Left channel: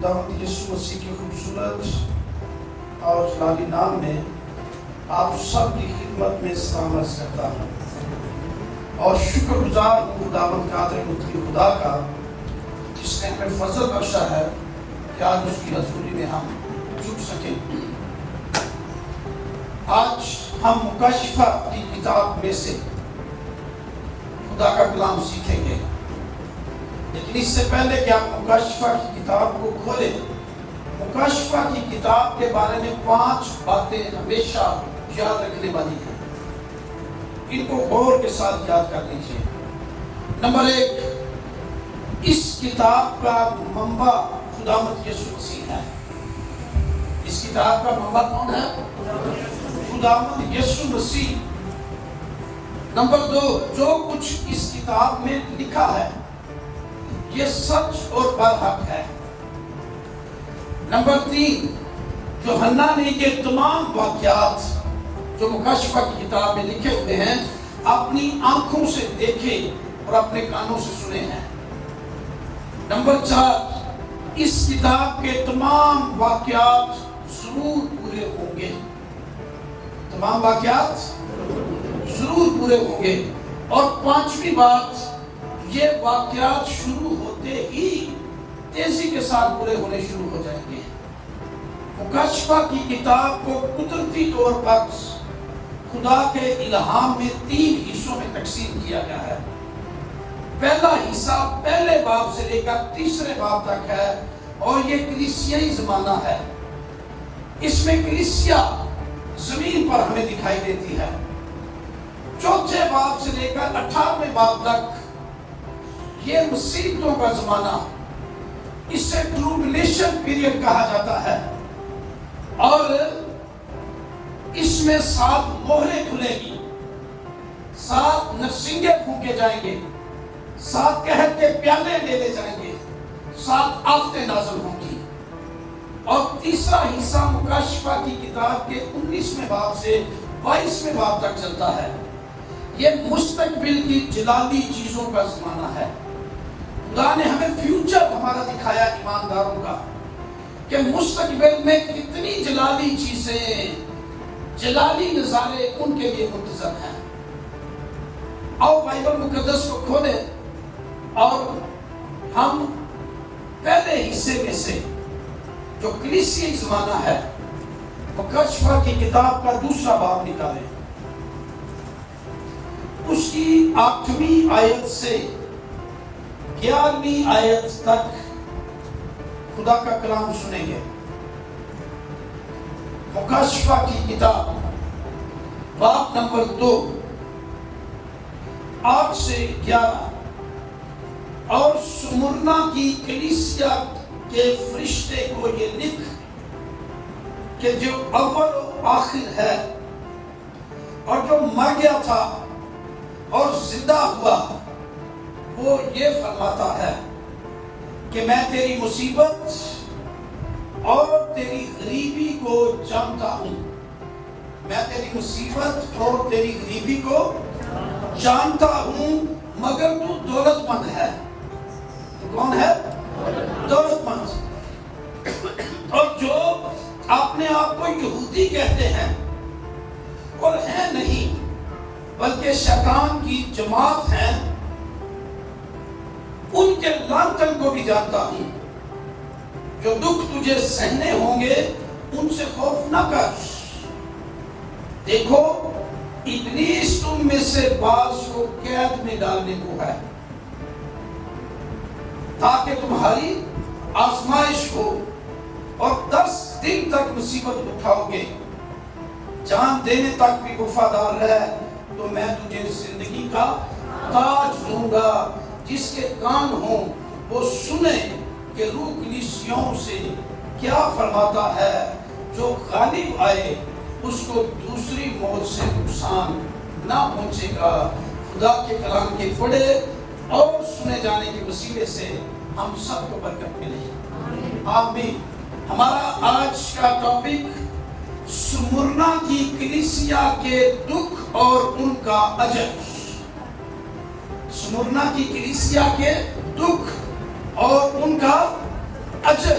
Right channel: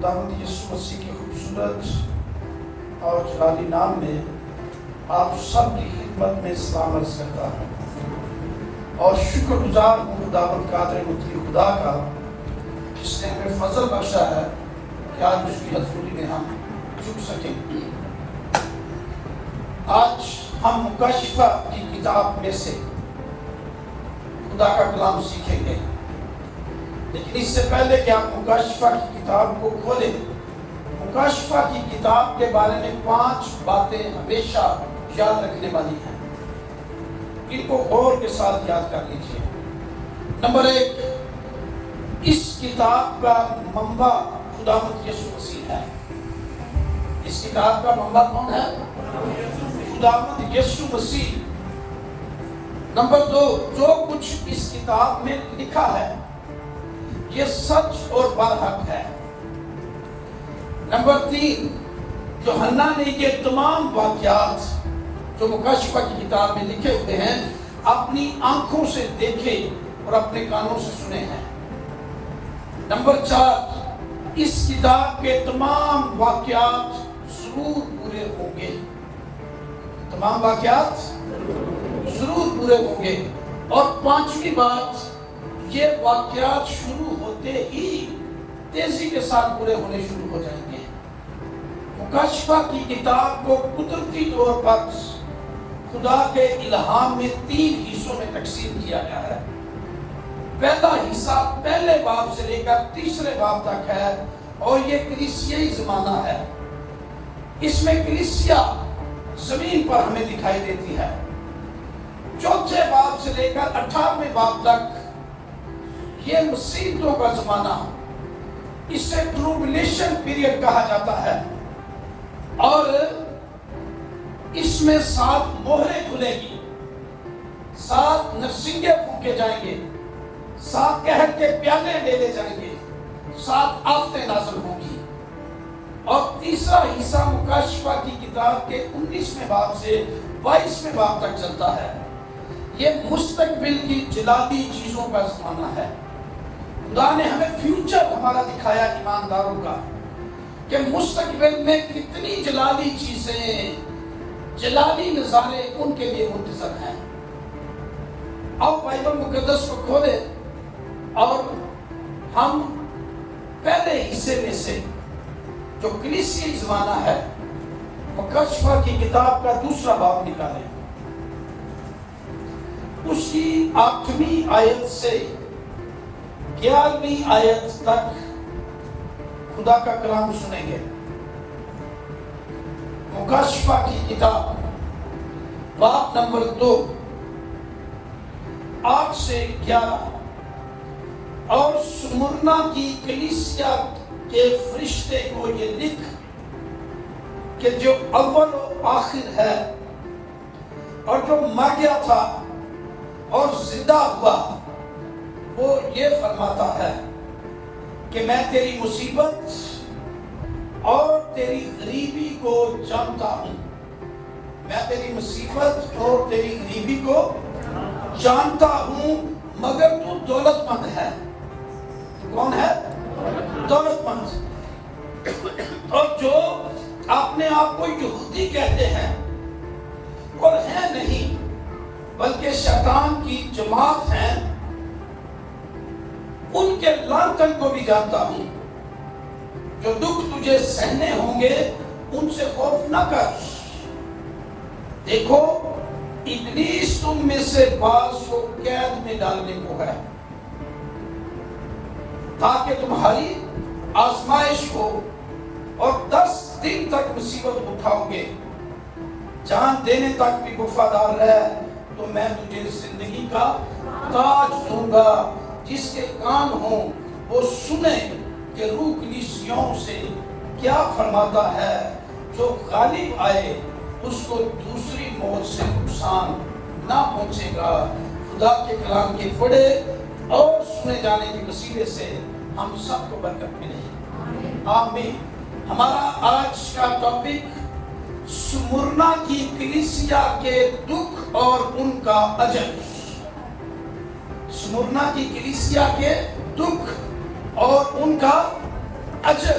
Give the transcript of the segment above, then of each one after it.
خداوند یسوع مسیح کے خوبصورت اور جلالی نام میں آپ سب کی خدمت میں سلام عرض کرتا ہوں اور شکر گزار ہوں خداوند قادر مطلق خدا کا جس نے ہمیں فضل بخشا ہے کہ آج اس کی حضوری میں ہم جھک سکیں۔ آج ہم مکاشفہ کی کتاب میں سے خدا کا کلام سیکھیں گے، لیکن اس سے پہلے کہ آپ مکاشفہ کی کتاب کو کھولیں، مکاشفہ کی کتاب کے بارے میں 5 باتیں ہمیشہ یاد رکھنے والی ہیں، ان کو غور کے ساتھ یاد کر لیجیے۔ نمبر 1، اس کتاب کا منبع خداوند یسوع مسیح ہے۔ اس کتاب کا منبع کون ہے؟ خداوند یسوع مسیح۔ نمبر 2، جو کچھ اس کتاب میں لکھا ہے یہ سچ اور برحق ہے۔ نمبر 3، یوحنا نے یہ تمام واقعات جو مکاشفہ کی کتاب میں لکھے ہوئے ہیں اپنی آنکھوں سے دیکھے اور اپنے کانوں سے سنے ہیں۔ نمبر 4، اس کتاب کے تمام واقعات ضرور پورے ہوں گے۔ تمام واقعات ضرور پورے ہوں گے۔ اور 5ویں بات، یہ واقعات شروع ہوتے ہی تیزی کے ساتھ پورے ہونے شروع ہو جائیں گے۔ مکاشفہ کی کتاب کو قدرتی طور پر خدا کے الہام میں 3 حصوں میں تقسیم کیا گیا ہے۔ پہلا حصہ پہلے باب سے لے کر تیسرے باب تک ہے اور یہ کلیسیائی زمانہ ہے۔ اس میں کلیسیا زمین پر ہمیں دکھائی دیتی ہے۔ چوتھے باب سے لے کر 18ویں باب تک یہ مصیبتوں کا زمانہ، اس سے ٹروبلیشن پیریڈ کہا جاتا ہے، اور اس میں 7 مہریں کھلے گی، 7 نرسنگے پھونکے جائیں گے، 7 قحط کے پیالے لے لے جائیں گے، 7 آفتیں نازل ہوں گی۔ اور تیسرا حصہ مکاشفہ کی کتاب کے 19ویں باب سے 22ویں باب تک چلتا ہے۔ یہ مستقبل کی جلالی چیزوں کا زمانہ ہے۔ خدا نے ہمیں فیوچر ہمارا دکھایا ایمانداروں کا، کہ مستقبل میں کتنی جلالی چیزیں، جلالی نظارے ان کے لیے منتظر ہیں۔ آؤ بائبل مقدس کو کھولیں اور ہم پہلے حصے میں سے جو کلیسیائی زمانہ ہے مکاشفہ کی کتاب کا 2 باب نکالیں۔ اس کی 8ویں آیت سے 11ویں آیت تک خدا کا کلام سنیں گے۔ مکاشفہ کی کتاب باب نمبر 2 8 سے 11۔ اور سمرنا کی کلیسیا کے فرشتے کو یہ لکھ کہ جو اول و آخر ہے اور جو مر گیا تھا اور زندہ ہوا، وہ یہ فرماتا ہے کہ میں تیری مصیبت اور تیری غریبی کو جانتا ہوں۔ میں تیری مصیبت اور تیری غریبی کو جانتا ہوں، مگر تو دولت مند ہے۔ کون ہے؟ دولت مند۔ اور جو اپنے آپ کو یہودی کہتے ہیں اور ہیں نہیں بلکہ شیطان کی جماعت ہیں، ان کے لعنتن کو بھی جانتا ہوں۔ جو دکھ تجھے سہنے ہوں گے ان سے خوف نہ کر۔ دیکھو ابلیس تم میں سے بعض کو قید میں ڈالنے کو ہے، تاکہ تمہاری آزمائش ہو، اور 10 دن تک مصیبت اٹھاؤ گے۔ جان دینے تک بھی وفادار رہ تو میں تجھے زندگی کا تاج دوں گا۔ جس کے کان ہوں وہ سنیں کہ روح کلیسیوں سے کیا فرماتا ہے۔ جو غالب آئے اس کو دوسری موت سے نقصان نہ پہنچے گا۔ خدا کے کلام کے پڑھے اور سنے جانے کے وسیلے سے ہم سب کو برکت ملے۔ آمین۔ ہمارا آج کا ٹاپک سمرنا کی کلیسیا کے دکھ اور ان کا اجر۔ سمرنا کی کلیسیا کے دکھ اور ان کا اجر۔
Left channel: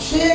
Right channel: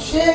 6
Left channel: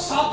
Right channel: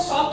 7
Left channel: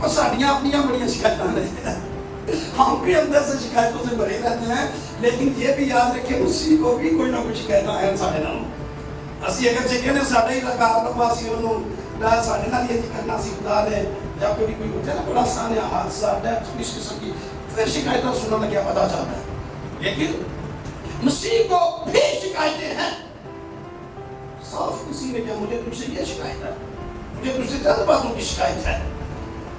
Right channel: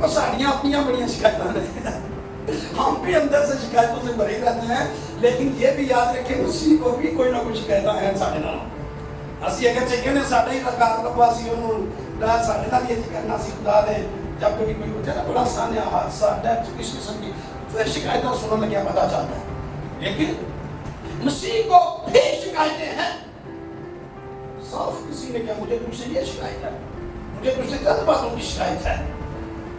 وہ ساڑیاں اپنیاں بڑی شکایتیں ہیں، ہم بھی اندر سے شکایتوں سے بھرے رہتے ہیں، لیکن یہ بھی یاد رکھیں مسیح کو بھی کوئی نہ کوئی شکایتیں ہیں ساڑھے نام اسی اگر چاہیے نے ساڑھے ہی لگا لگوا سی انہوں نے ساڑھے نہ یہ کرنا سی خدا نے جب کبھی کوئی ہوتا ہے نا بڑا سانیہ حادثہ ڈیتھ کس قسم کی پھر شکایتیں سننے لگیا پتا چلتا ہے، لیکن مسیح کو بھی شکایتیں ہیں۔ صاف کسی نے کہا مجھے تجھ سے یہ شکایت ہے، مجھے تجھ سے چند باتوں کی شکایت ہے،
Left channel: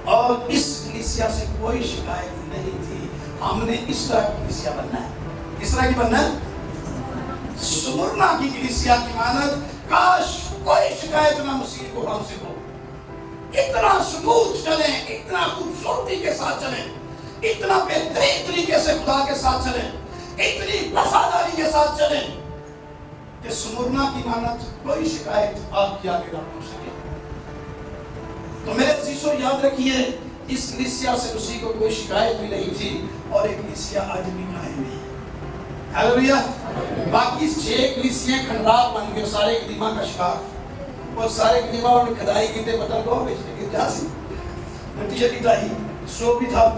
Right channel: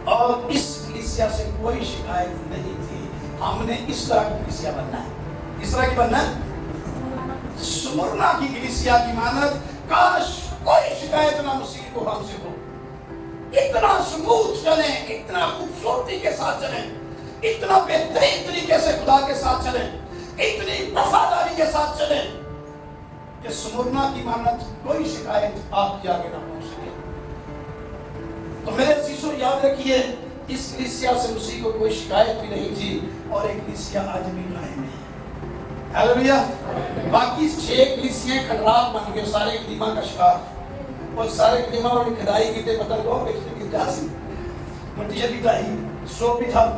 اور اس کلیسیا سے کوئی شکایت نہیں تھی۔ ہم نے اس طرح کی کلیسیا بننا ہے، اس طرح کی بننا ہے، سمرنا کی کلیسیا کی مانند کاش کوئی شکایت نہ مسیح کو ہم سے ہو، اتنا سموتھ چلیں، اتنا خوبصورتی کے ساتھ چلیں، اتنا بہترین طریقے سے خدا کے ساتھ چلیں، اتنی وفاداری کے ساتھ چلیں کہ سمرنا کی مانند کوئی شکایت آپ کے آگے نہ پہنچ سکے۔ تو میرے عزیزو یاد رکھیے اس کلیسیا سے مسیح کو کوئی شکایت بھی نہیں تھی، اور ایک کلیسیا آج بھی قائم ہے۔ ہیلیلویا۔ باقی 6 کلیسیاں کھنڈرات بن گئے، سارے قدیمہ کا شکار، اور سارے قدیمہ اور کھدائی کی تے پتہ کو بیچتے کی جاسی مٹی بھی ڈائی سو بھی تھا،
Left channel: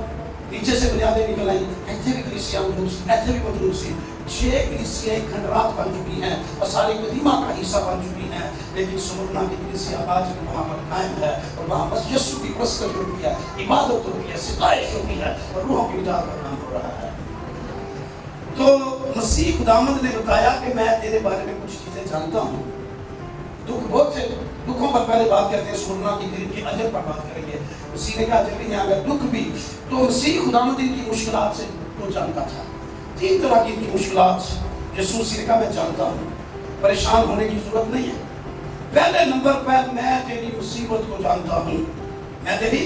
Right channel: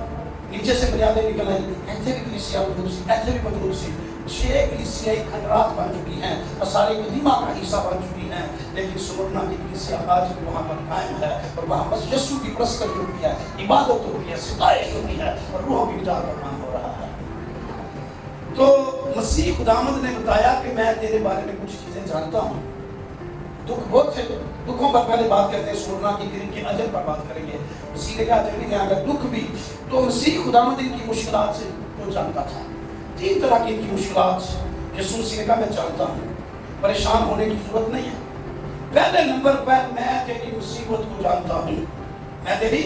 نیچے سے بنیادیں نکل آئی، ایتھے بھی کلیسیا موجود سی، ایتھے بھی موجود سی۔ 6 کلیسیاں کھنڈرات بن چکی ہیں اور ساری قدیمہ کا حصہ بن چکی ہیں، لیکن سمرنا کی کلیسیا آج بھی وہاں پر قائم ہے، اور وہاں بس یسوع کی پرستش ہوتی ہے، عبادت ہوتی ہے، ستائش ہوتی ہے، اور روح کی اطاعت کا کام ہو رہا ہے۔ تو مسیح خداوند نے بتایا کہ میں تیرے بارے میں کچھ چیزیں جانتا ہوں، دکھ بہت تھے، دکھوں پر پہلے بات کرتے ہیں، سمرنا کی پھر ان کے اجر پر بات کریں گے۔ مسیح نے کہا اجر بھی ہے اگر دکھ بھی، تو مسیح خداوند ان کی مشکلات سے وہ جانتا تھا۔ 3 طرح کی ان کی مشکلات یسوع نے کہا میں جانتا ہوں، پریشان ہونے کی ضرورت نہیں ہے۔ پہلے نمبر پر میں تیری مصیبت کو جانتا ہوں، میں تیری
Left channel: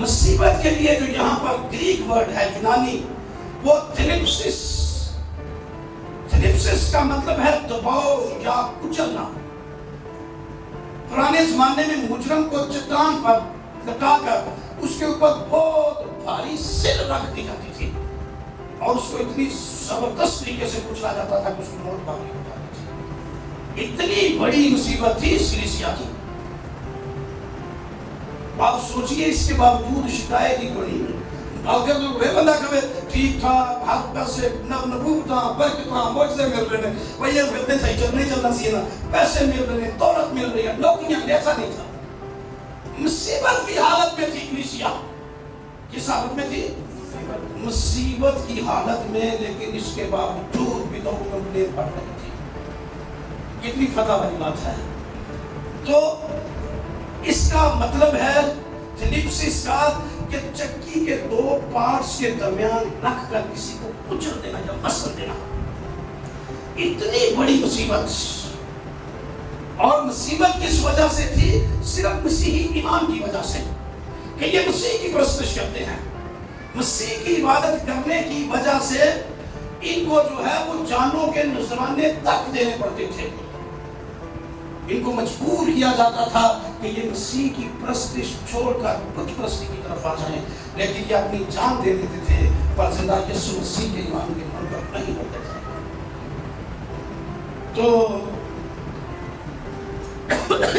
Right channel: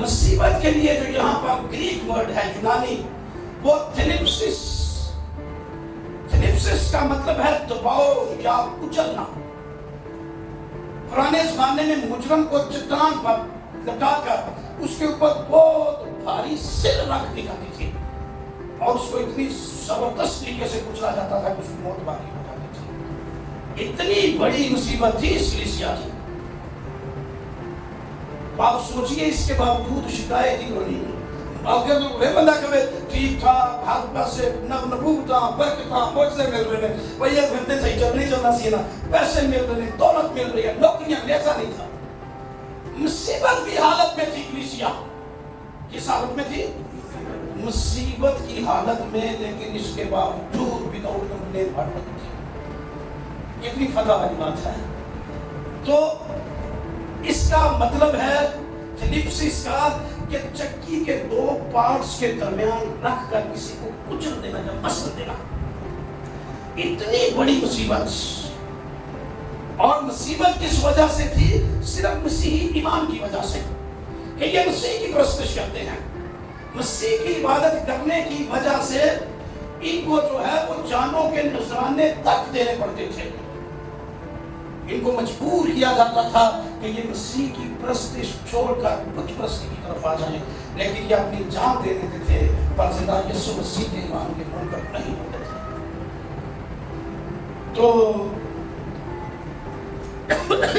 مصیبت کے لیے جو یہاں پر گریک ورڈ ہے یونانی، وہ تھلیپسس، تھلیپسس کا مطلب ہے دباؤ یا کچلنا۔ پرانے زمانے میں مجرم کو چٹان پر لٹا کر اس کے اوپر بہت بھاری سل رکھ دی جاتی تھی، اور اس کو اتنی زبردست طریقے سے کچلا جاتا تھا کہ اس کی موت باقی ہو جاتی تھی۔ اتنی بڑی مصیبت تھی اس کلیسیا کی۔ آپ سوچئے اس کے باوجود شکایت ہی ہو رہی ہے۔ اگر کوئی بندہ کہے ٹھیک ٹھاک حق پر سے نبوتاں برکتاں معجزے مل رہے ہیں، وہ یہ فتنے صحیح چل نہیں چلنا سی نا، پیسے مل رہے ہیں، دولت مل رہی ہے، نوکریاں، ایسا نہیں تھا۔ مصیبت کی حالت میں تھی کلیسیا۔ کس حالت میں تھی؟ مصیبت کی حالت میں، لیکن اس کے باوجود بھی تو انہیں بڑھ رہی تھی۔ کتنی فتح والی بات ہے۔ تو اس کا مطلب ہے فلپسس کا کہ چکی کے 2 پارٹس کے درمیان رکھ کر کسی کو کچل دینا یا مسل دینا، اتنی بڑی مصیبت۔ اور مصیبت کس وجہ سے تھی؟ صرف مسیحی ایمان کی وجہ سے، کہ یہ مسیح کی پرستش کرتے ہیں، مسیح کی عبادت کرنے کی وجہ سے ان کو جو ہے وہ جانوں کے نذرانے تک دینے پڑتے تھے۔ ان کو مجبور کیا جاتا تھا کہ یہ مسیح کی پرستش چھوڑ کر بت پرستی کی طرف آ جائیں، لیکن یہ اپنی جان دے دیتے تھے پر زندہ یسوع مسیح کے ایمان کے منکر نہیں ہوتے تھے۔ تو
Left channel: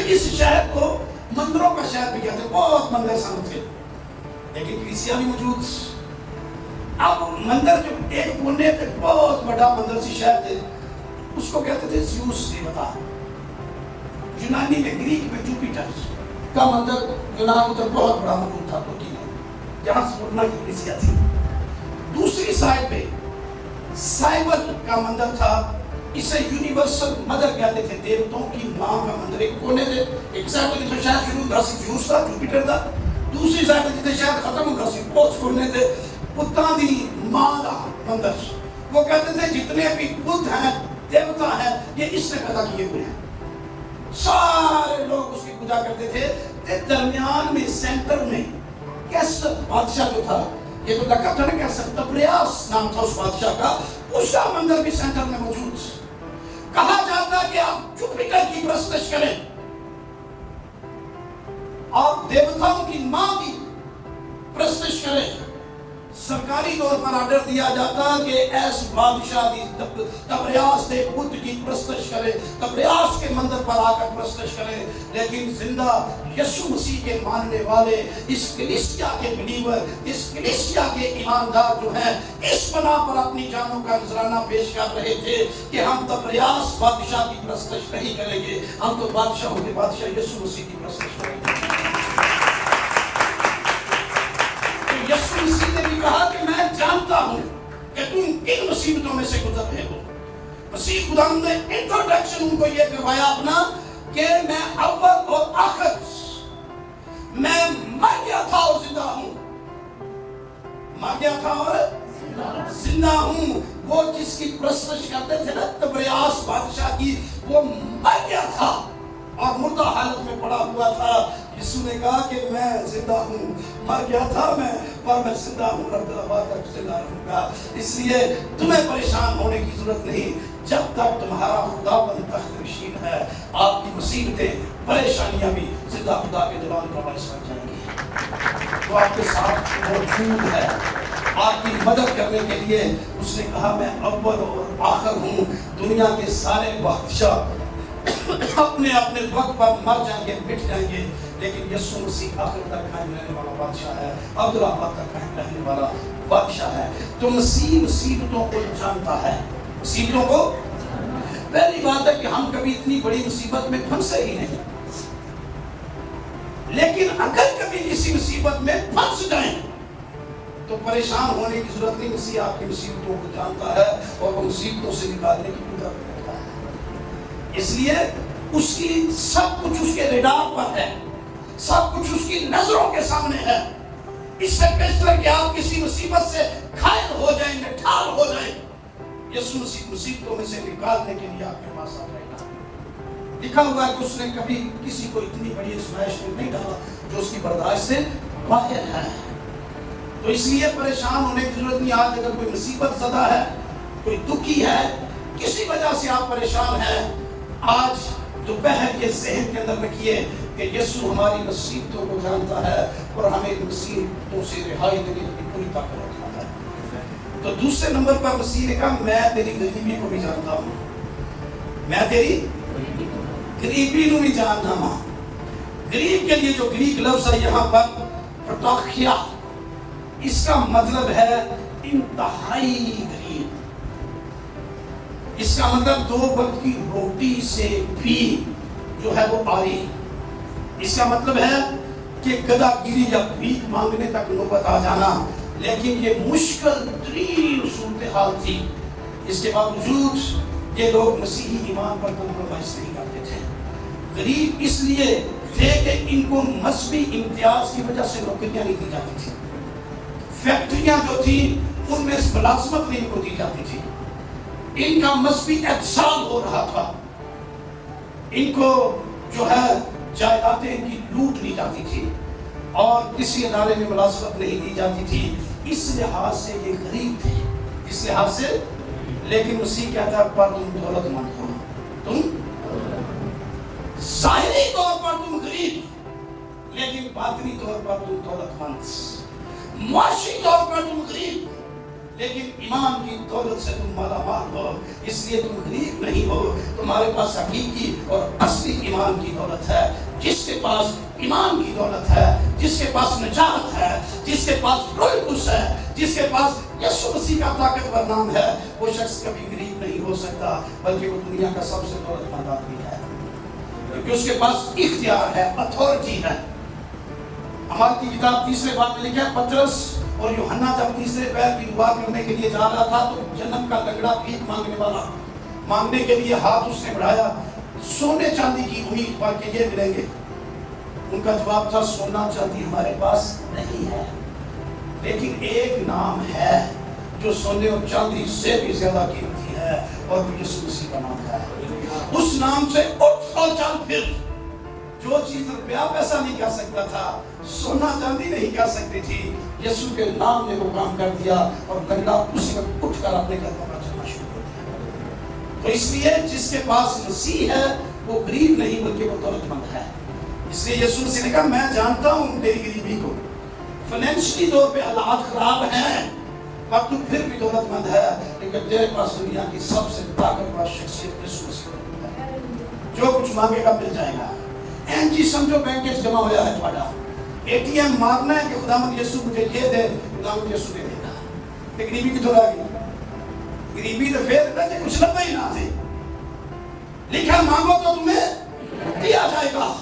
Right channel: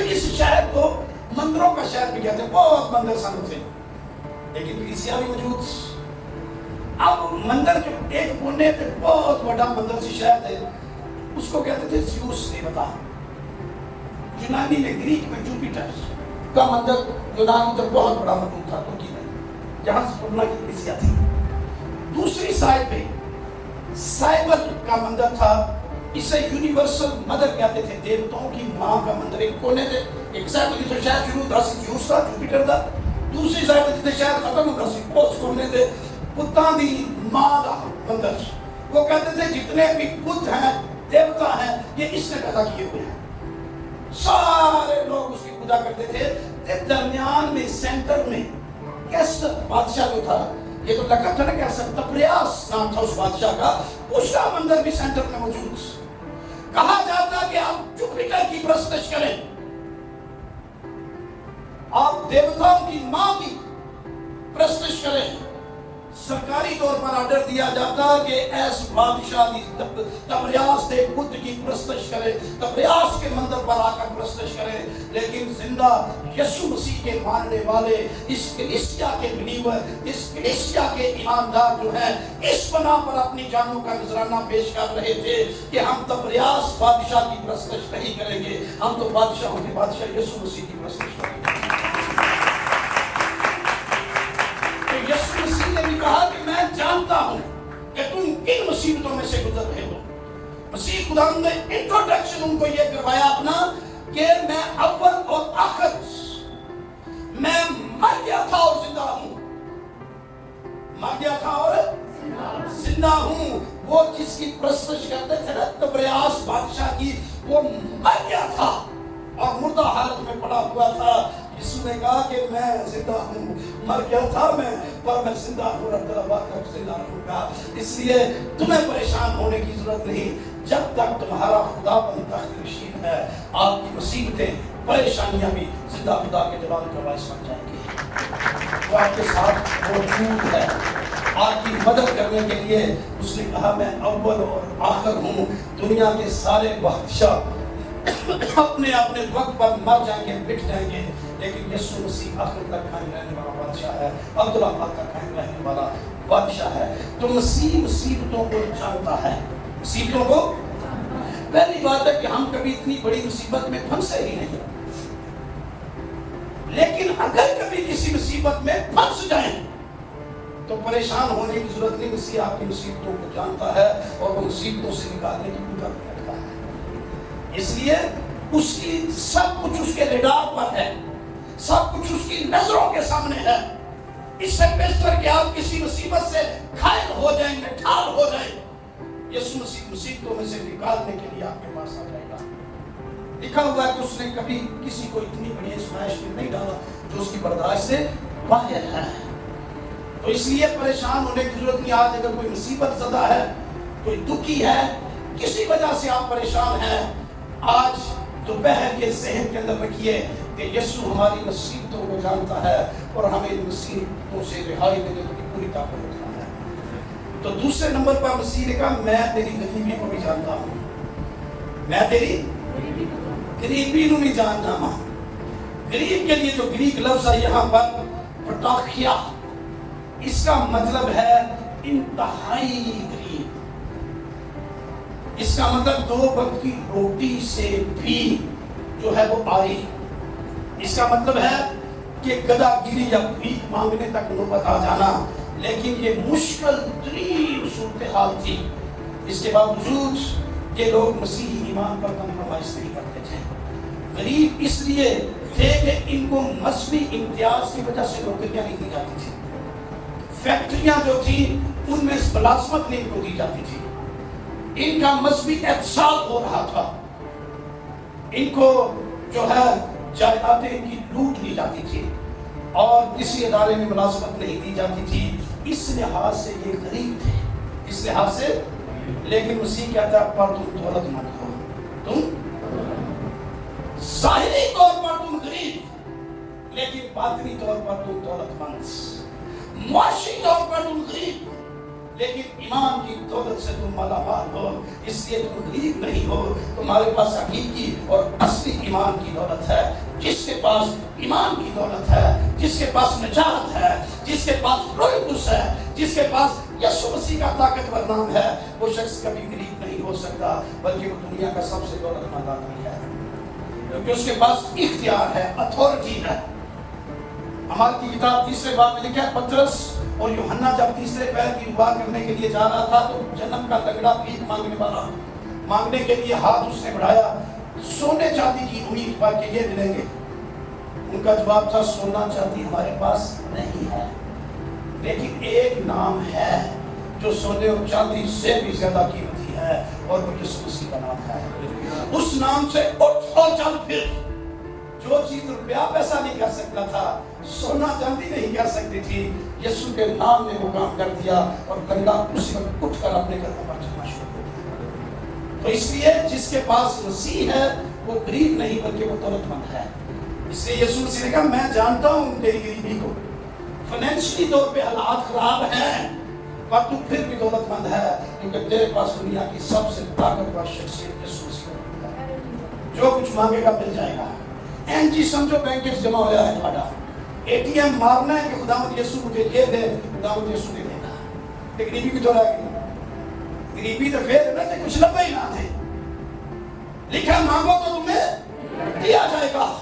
اس شہر کو مندروں کا شہر بھی کہتے ہیں، بہت مندر سن تھے، لیکن کلیسیا بھی موجود۔ اب مندر جو ایک کونے پہ بہت بڑا مندر سی شہر تھے، اس کو کہتے تھے زیوس دیوتا۔ یونانی میں گریک میں جوپیٹر کا مندر یونان میں بہت بڑا موجود تھا، ترکی میں، جہاں سمرنا کی کلیسیا تھی۔ دوسری سائڈ پہ سائبل کا مندر تھا، اسے یونیورسل مدر کہتے تھے، دیوتاؤں کی ماں کا مندر۔ ایک کونے تھے، ایک سائڈ پہ جتنے شہر شروع تھا زیوس تھا، جوپیٹر تھا، دوسری سائڈ پہ جتنے شہر ختم ہوتا سی پوچھ کونے تھے، بتاں دی ماں کا مندر۔ وہ کہتے تھے جتنے بھی بت ہیں، دیوتا ہیں، یہ اس نے پیدا کیے ہوئے ہیں۔ سارے لوگ اس کی پوجا کرتے تھے۔ درمیان میں سینٹر میں کیسر بادشاہ جو تھا، یہ تو لقب تھا نا کیسر، تبریاس نام تھا اس بادشاہ کا، اس کا مندر بھی سینٹر میں موجود۔ کہا جاتا کہ آپ جوپیٹر کی پرستش کریں اور دیوتاؤں کی ماں کی پرستش کریں، سرکاری طور پر آرڈر دیا جاتا کہ ایس بادشاہ کی تبریاس کے بت کی پرستش کرے، تبریاس کے مندر پر آ کر پرستش کرے، لیکن زندہ یسوع مسیح کے ماننے والے، اس کلیسیا کے بلیور، اس کلیسیا کے ایماندار جو ہیں، اس بنا پر اپنی جانوں کا نذرانہ پیش کر رہے تھے کہ ہم تبریاس بادشاہ کی پرستش نہیں کریں گے، ہم تو بادشاہوں کے بادشاہ یسوع مسیح کی پرستش کریں گے۔ یسوع مسیح نے بھی کہا کہ میں جانتا ہوں کہ تم کن مصیبتوں میں سے گزر رہے ہو۔ مسیح خدا نے انٹروڈکشن ان کو یہ کروایا اپنا کہ میں اول اور آخر، میں مر گیا تھا اور زندہ ہوں، مر گیا تھا اور زندہ ہوں۔ وہ جس کی پرستش کرتے تھے نا تبریاس بادشاہ کی، وہ مر گیا تھا اور مردہ حالت میں پڑا ہوا تھا۔ یسوع نے کہا کہ میں زندہ ہوں، مر گیا تھا میں، پر میں زندہ ہوں، رب العباد تک زندہ رہوں گا۔ اس لیے تمہیں پریشان ہونے کی ضرورت نہیں، جب تک تمہارا خداوند تخت نشین ہے، آپ کی مصیبتیں، پریشانیاں بھی زندہ خدا کے جلال کا باعث بن جائیں گی۔ وہ آپ کے ساتھ موجود ہے، آپ کی مدد کرنے کے لیے۔ اس نے کہا میں اول اور آخر ہوں۔ دنیا کے سارے بادشاہ اپنے اپنے وقت پر مر جائیں گے، مٹ جائیں گے، لیکن یسوع مسیح آخر تک قائم رہنے والا بادشاہ ہے، عبدالآباد کا قائم رہنے والا بادشاہ ہے۔ تو مسیح مصیبتوں کو جانتا ہے، مصیبتوں کو۔ پہلی بات ہے کہ ہم کبھی اتنی بڑی مصیبت میں پھنسے ہی نہیں، لیکن اگر کبھی کسی مصیبت میں پھنس جائیں تو پریشان ہونے کی ضرورت نہیں۔ مسیح آپ کی مصیبتوں کو جانتا ہے اور وہ مصیبتوں سے نکالنے کی قدرت رکھتا ہے۔ اس لیے اس کی سب کچھ اس کے ریڈار پر ہے، سب کچھ اس کی نظروں کے سامنے ہے۔ اس سے بہتر کہ آپ کسی مصیبت سے گھائل ہو جائیں، نٹھال ہو جائیں، یسوع مسیح مصیبتوں میں سے نکالنے کے لیے آپ کے پاس آ جائے گا۔ لکھا ہوا ہے کہ اس نے کبھی کسی کو اتنی بڑی آزمائش میں نہیں ڈالا جو اس کی برداشت سے باہر ہے۔ تو اس لیے پریشان ہونے کی ضرورت نہیں۔ آج اگر کوئی مصیبت زدہ ہے، کوئی دکھی ہے، کسی وجہ سے آپ پریشان ہیں، آج دوپہر کے ذہن کے اندر رکھیے کہ یسوع ہماری مصیبتوں کو جانتا ہے اور ہمیں مصیبتوں سے رہائی دینے کی پوری طاقت رکھتا ہے۔ تو دوسرے نمبر پر مسیح نے کہا میں تیری غریبی کو بھی جانتا ہوں، میں تیری غریبی کو بھی جانتا ہوں۔ غریب کے لیے جو گریک لفظ ہے یہاں پر پٹاخیا، اس کا مطلب ہے انتہائی غریب۔ اس کا مطلب دو وقت کی روٹی سے بھی جو ہے وہ آئی۔ اس کا مطلب ہے کہ گدھا گیری یا بھیک مانگنے تک نوبت آ جانا، لیکن یہ مشکل ترین صورتحال تھی۔ اس کے باوجود یہ لوگ مسیحی ایمان پر کمپرومائز نہیں کرتے تھے۔ غریب اس لیے تھے کہ ان کو مذہبی امتیاز کی وجہ سے نوکریاں نہیں دی جاتی تھی، فیکٹریاں جو تھی ان میں ملازمت نہیں ان کو دی جاتی تھی، ان کا مذہبی احتساب ہو رہا تھا، ان کو جو ہے جائیدادیں ان کی لوٹ لی جاتی تھی اور کسی ادارے میں ملازمت نہیں دی جاتی تھی۔ اس لحاظ سے یہ غریب تھے، اس لحاظ سے۔ لیکن مسیح کہتا ہے پر تم دولت مند ہو، تم ظاہری طور پر تم غریب، لیکن باطنی طور پر تم دولت مند۔ معاشی طور پر تم غریب، لیکن ایمان کی دولت سے تم مالا مال ہو۔ اس لیے تم غریب نہیں ہو، تمہارے پاس حقیقی اور اصلی ایمان کی دولت ہے۔ جس کے پاس ایمان کی دولت ہے، جس کے پاس نجات ہے، جس کے پاس روح القدس ہے، جس کے پاس یسوع مسیح کا طاقتور نام ہے، وہ شخص کبھی غریب نہیں ہو سکتا، بلکہ وہ دنیا کا سب سے دولت مند آدمی ہے، کیونکہ اس کے پاس اختیار ہے، اتھارٹی ہے۔ ہماری کی کتاب تیسرے باب میں لکھا ہے پطرس اور یوحنا جب تیسرے پیر کی دعا کرنے کے لیے جا رہا تھا تو جنم کا تگڑا بھیک مانگنے والا مانگنے کے لیے ہاتھ اس نے بڑھایا سونے چاندی کی امید پر کہ یہ ملیں گے۔ ان کا جواب تھا سونا چاندی ہمارے پاس نہیں ہے، لیکن ایک نام ہے جو سونے اور چاندی سے بھی زیادہ قیمتی ہے، اور وہ یسوع مسیح کا نام ہے۔ اس نام سے اٹھ اور چل پھر۔ جو چیز روپیہ پیسہ نہیں کر سکتا تھا، سونا چاندی نہیں کر سکتی تھی، یسوع کے نام نے وہ کام کر دیا اور کنڈا اسی وقت اٹھ کر اپنے گھر پر چلنا شروع کر دیا۔ تو اس لیے جس کے پاس مسیح ہے وہ غریب نہیں بلکہ وہ دولت مند ہے۔ اس لیے یسوع مسیح نے کہا میں جانتا ہوں تیری غریبی کو، فائنینشلی طور پہ حالات خراب ہیں، پر تو پھر بھی دولت مند ہے، کیونکہ تیرے پاس دنیا کی سب سے طاقتور شخصیت یسوع مسیح ہے۔ جو کچھ مانگے گا مل جائے گا۔ این جی سمجھو بینک میں جمع ہوا ہے تھوڑا، اے ٹی ایم مارنا ہے کہ خداوند یسوع مجھے یہ دے، خداوند یسوع دے دے گا۔ غریبی کی تھوڑا غریبی تو پھر ہے نا کہ کچھ لبا ہی نہ تھے، لکھا مانگو تو تمہیں دیا جائے گا۔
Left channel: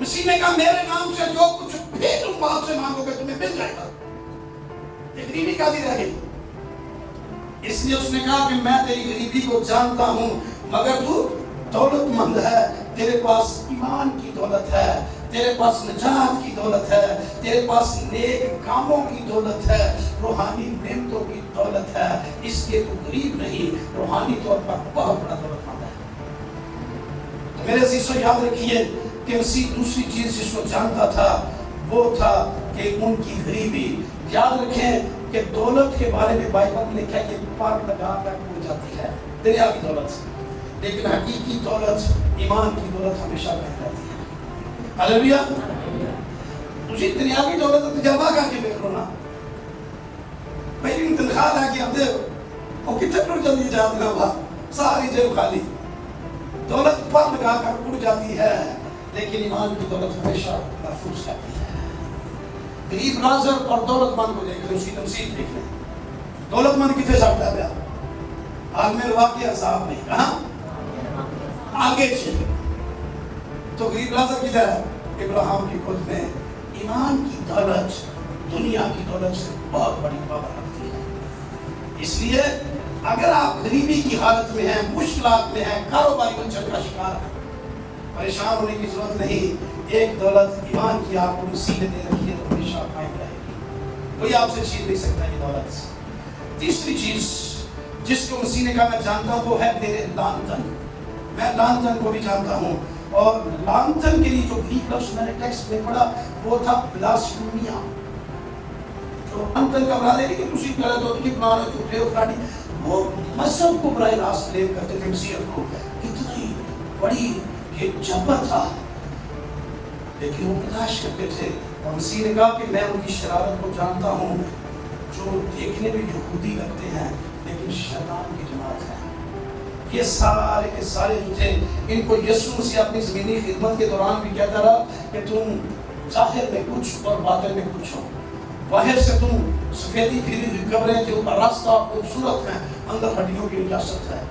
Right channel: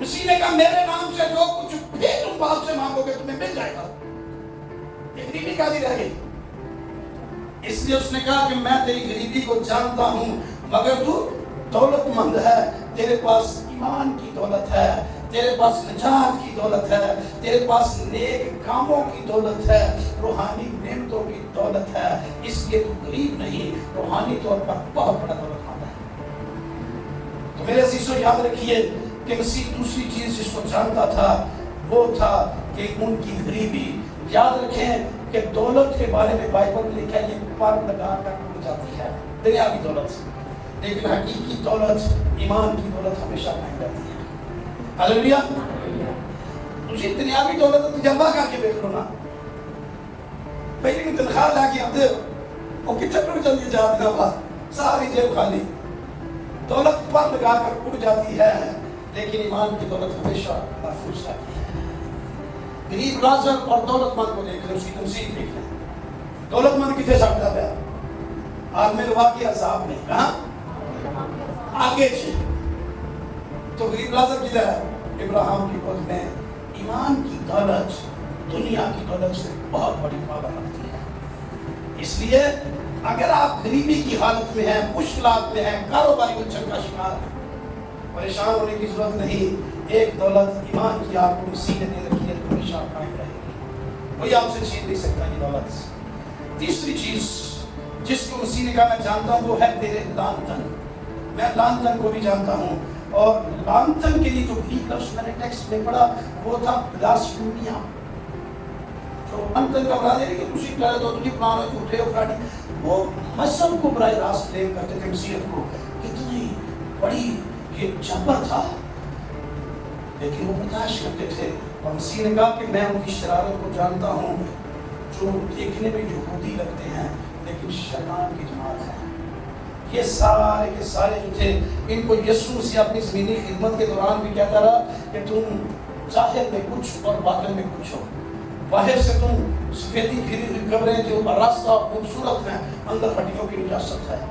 مسیح نے کہا میرے نام سے جو کچھ بھی تم باپ سے مانگو گے تمہیں مل جائے گا۔ غریبی کا دی رہ گئی، اس لیے اس نے کہا کہ میں تیری غریبی کو جانتا ہوں، مگر تو دولت مند ہے، تیرے پاس ایمان کی دولت ہے، تیرے پاس نجات کی دولت ہے، تیرے پاس نیک کاموں کی دولت ہے، روحانی نعمتوں کی دولت ہے، اس لیے تو غریب نہیں، روحانی طور پر بہت بڑا دولت مند ہے۔ تو میرے عزیزو یاد رکھیے کہ مسیح دوسری چیز جس کو جانتا تھا وہ تھا کہ ان کی غریبی۔ یاد رکھیں کہ دولت کے بارے میں بائبل میں لکھا ہے یہ پر لگا کر ٹوٹ جاتی ہے، دنیاوی دولت، لیکن حقیقی دولت، ایمان کی دولت ہمیشہ قائم رہتی ہے۔ ہاللیلویا۔ اسی دنیاوی دولت تجربہ کر کے دیکھ لو نا، پہلی تنخواہ لا کے آتے وہ کتنے ٹوٹ جاتی ہے، جاتی ہے ساری جیب خالی۔ دولت پر لگا کر ٹوٹ جاتی ہے، لیکن ایمان کی دولت ہمیشہ محفوظ رہتی ہے۔ غریب رازق اور دولت مند کو دیکھ لیں، اس کی تمثیل دیکھ لیں۔ دولت مند کتنے سکتا پیا عالم الواقع عذاب میں، کہاں آگے چھ تو غریب رازق کدھر ہے؟ ابراہیم کی گود میں۔ ایمان کی دولت دنیا کی دولت سے بہت بڑی پاور رکھتی ہے۔ اس لیے اگر آپ غریبی کی حالت میں ہیں، مشکلات میں ہیں، کاروباری مچھر کا شکار ہیں، پریشان ہونے کی ضرورت نہیں۔ ایک دولت ایمان کی آپ کو مسیح نے دے رکھی ہے تو ہمیشہ قائم رہے گی، کوئی آپ سے چھین نہیں سکتا یہ دولت۔ تیسری چیز جس کو مسیح نے کہا میں جانتا ہوں وہ ہے میرے لانتن۔ میں لانتن کو بھی جانتا ہوں، اور لانتن کے لیے جو گریک لفظ میں نے ٹیکسٹ میں پڑھا وہ تھا بلاسفیمیا۔ جو لانتن کا مراد ہے کہ کسی طرح تو تجھے قرآن ہے جھوٹے اور فراڈی، وہ مذہب کو براہ راست بلیم کرتے تھے مسیحیت کو، اتنی بڑی یہ جبر تھا، لیکن وہ برداشت کرتے تھے۔ اور مسیح نے کہا کہ میں ان کی شرارت کو جانتا ہوں، جو دیکھنے میں یہودی لگتے ہیں لیکن شیطان کی جماعت ہے۔ یہ سارے کے سارے جو تھے ان کو یسوع سے اپنی زمینی خدمت کے دوران بھی کہتا رہا کہ تم ظاہر میں کچھ اور باطن میں کچھ ہو۔ باہر سے تم سفیدی پھری ہوئی قبریں کے اوپر راستہ خوبصورت ہیں، اندر ہڈیوں کی نجاست ہے۔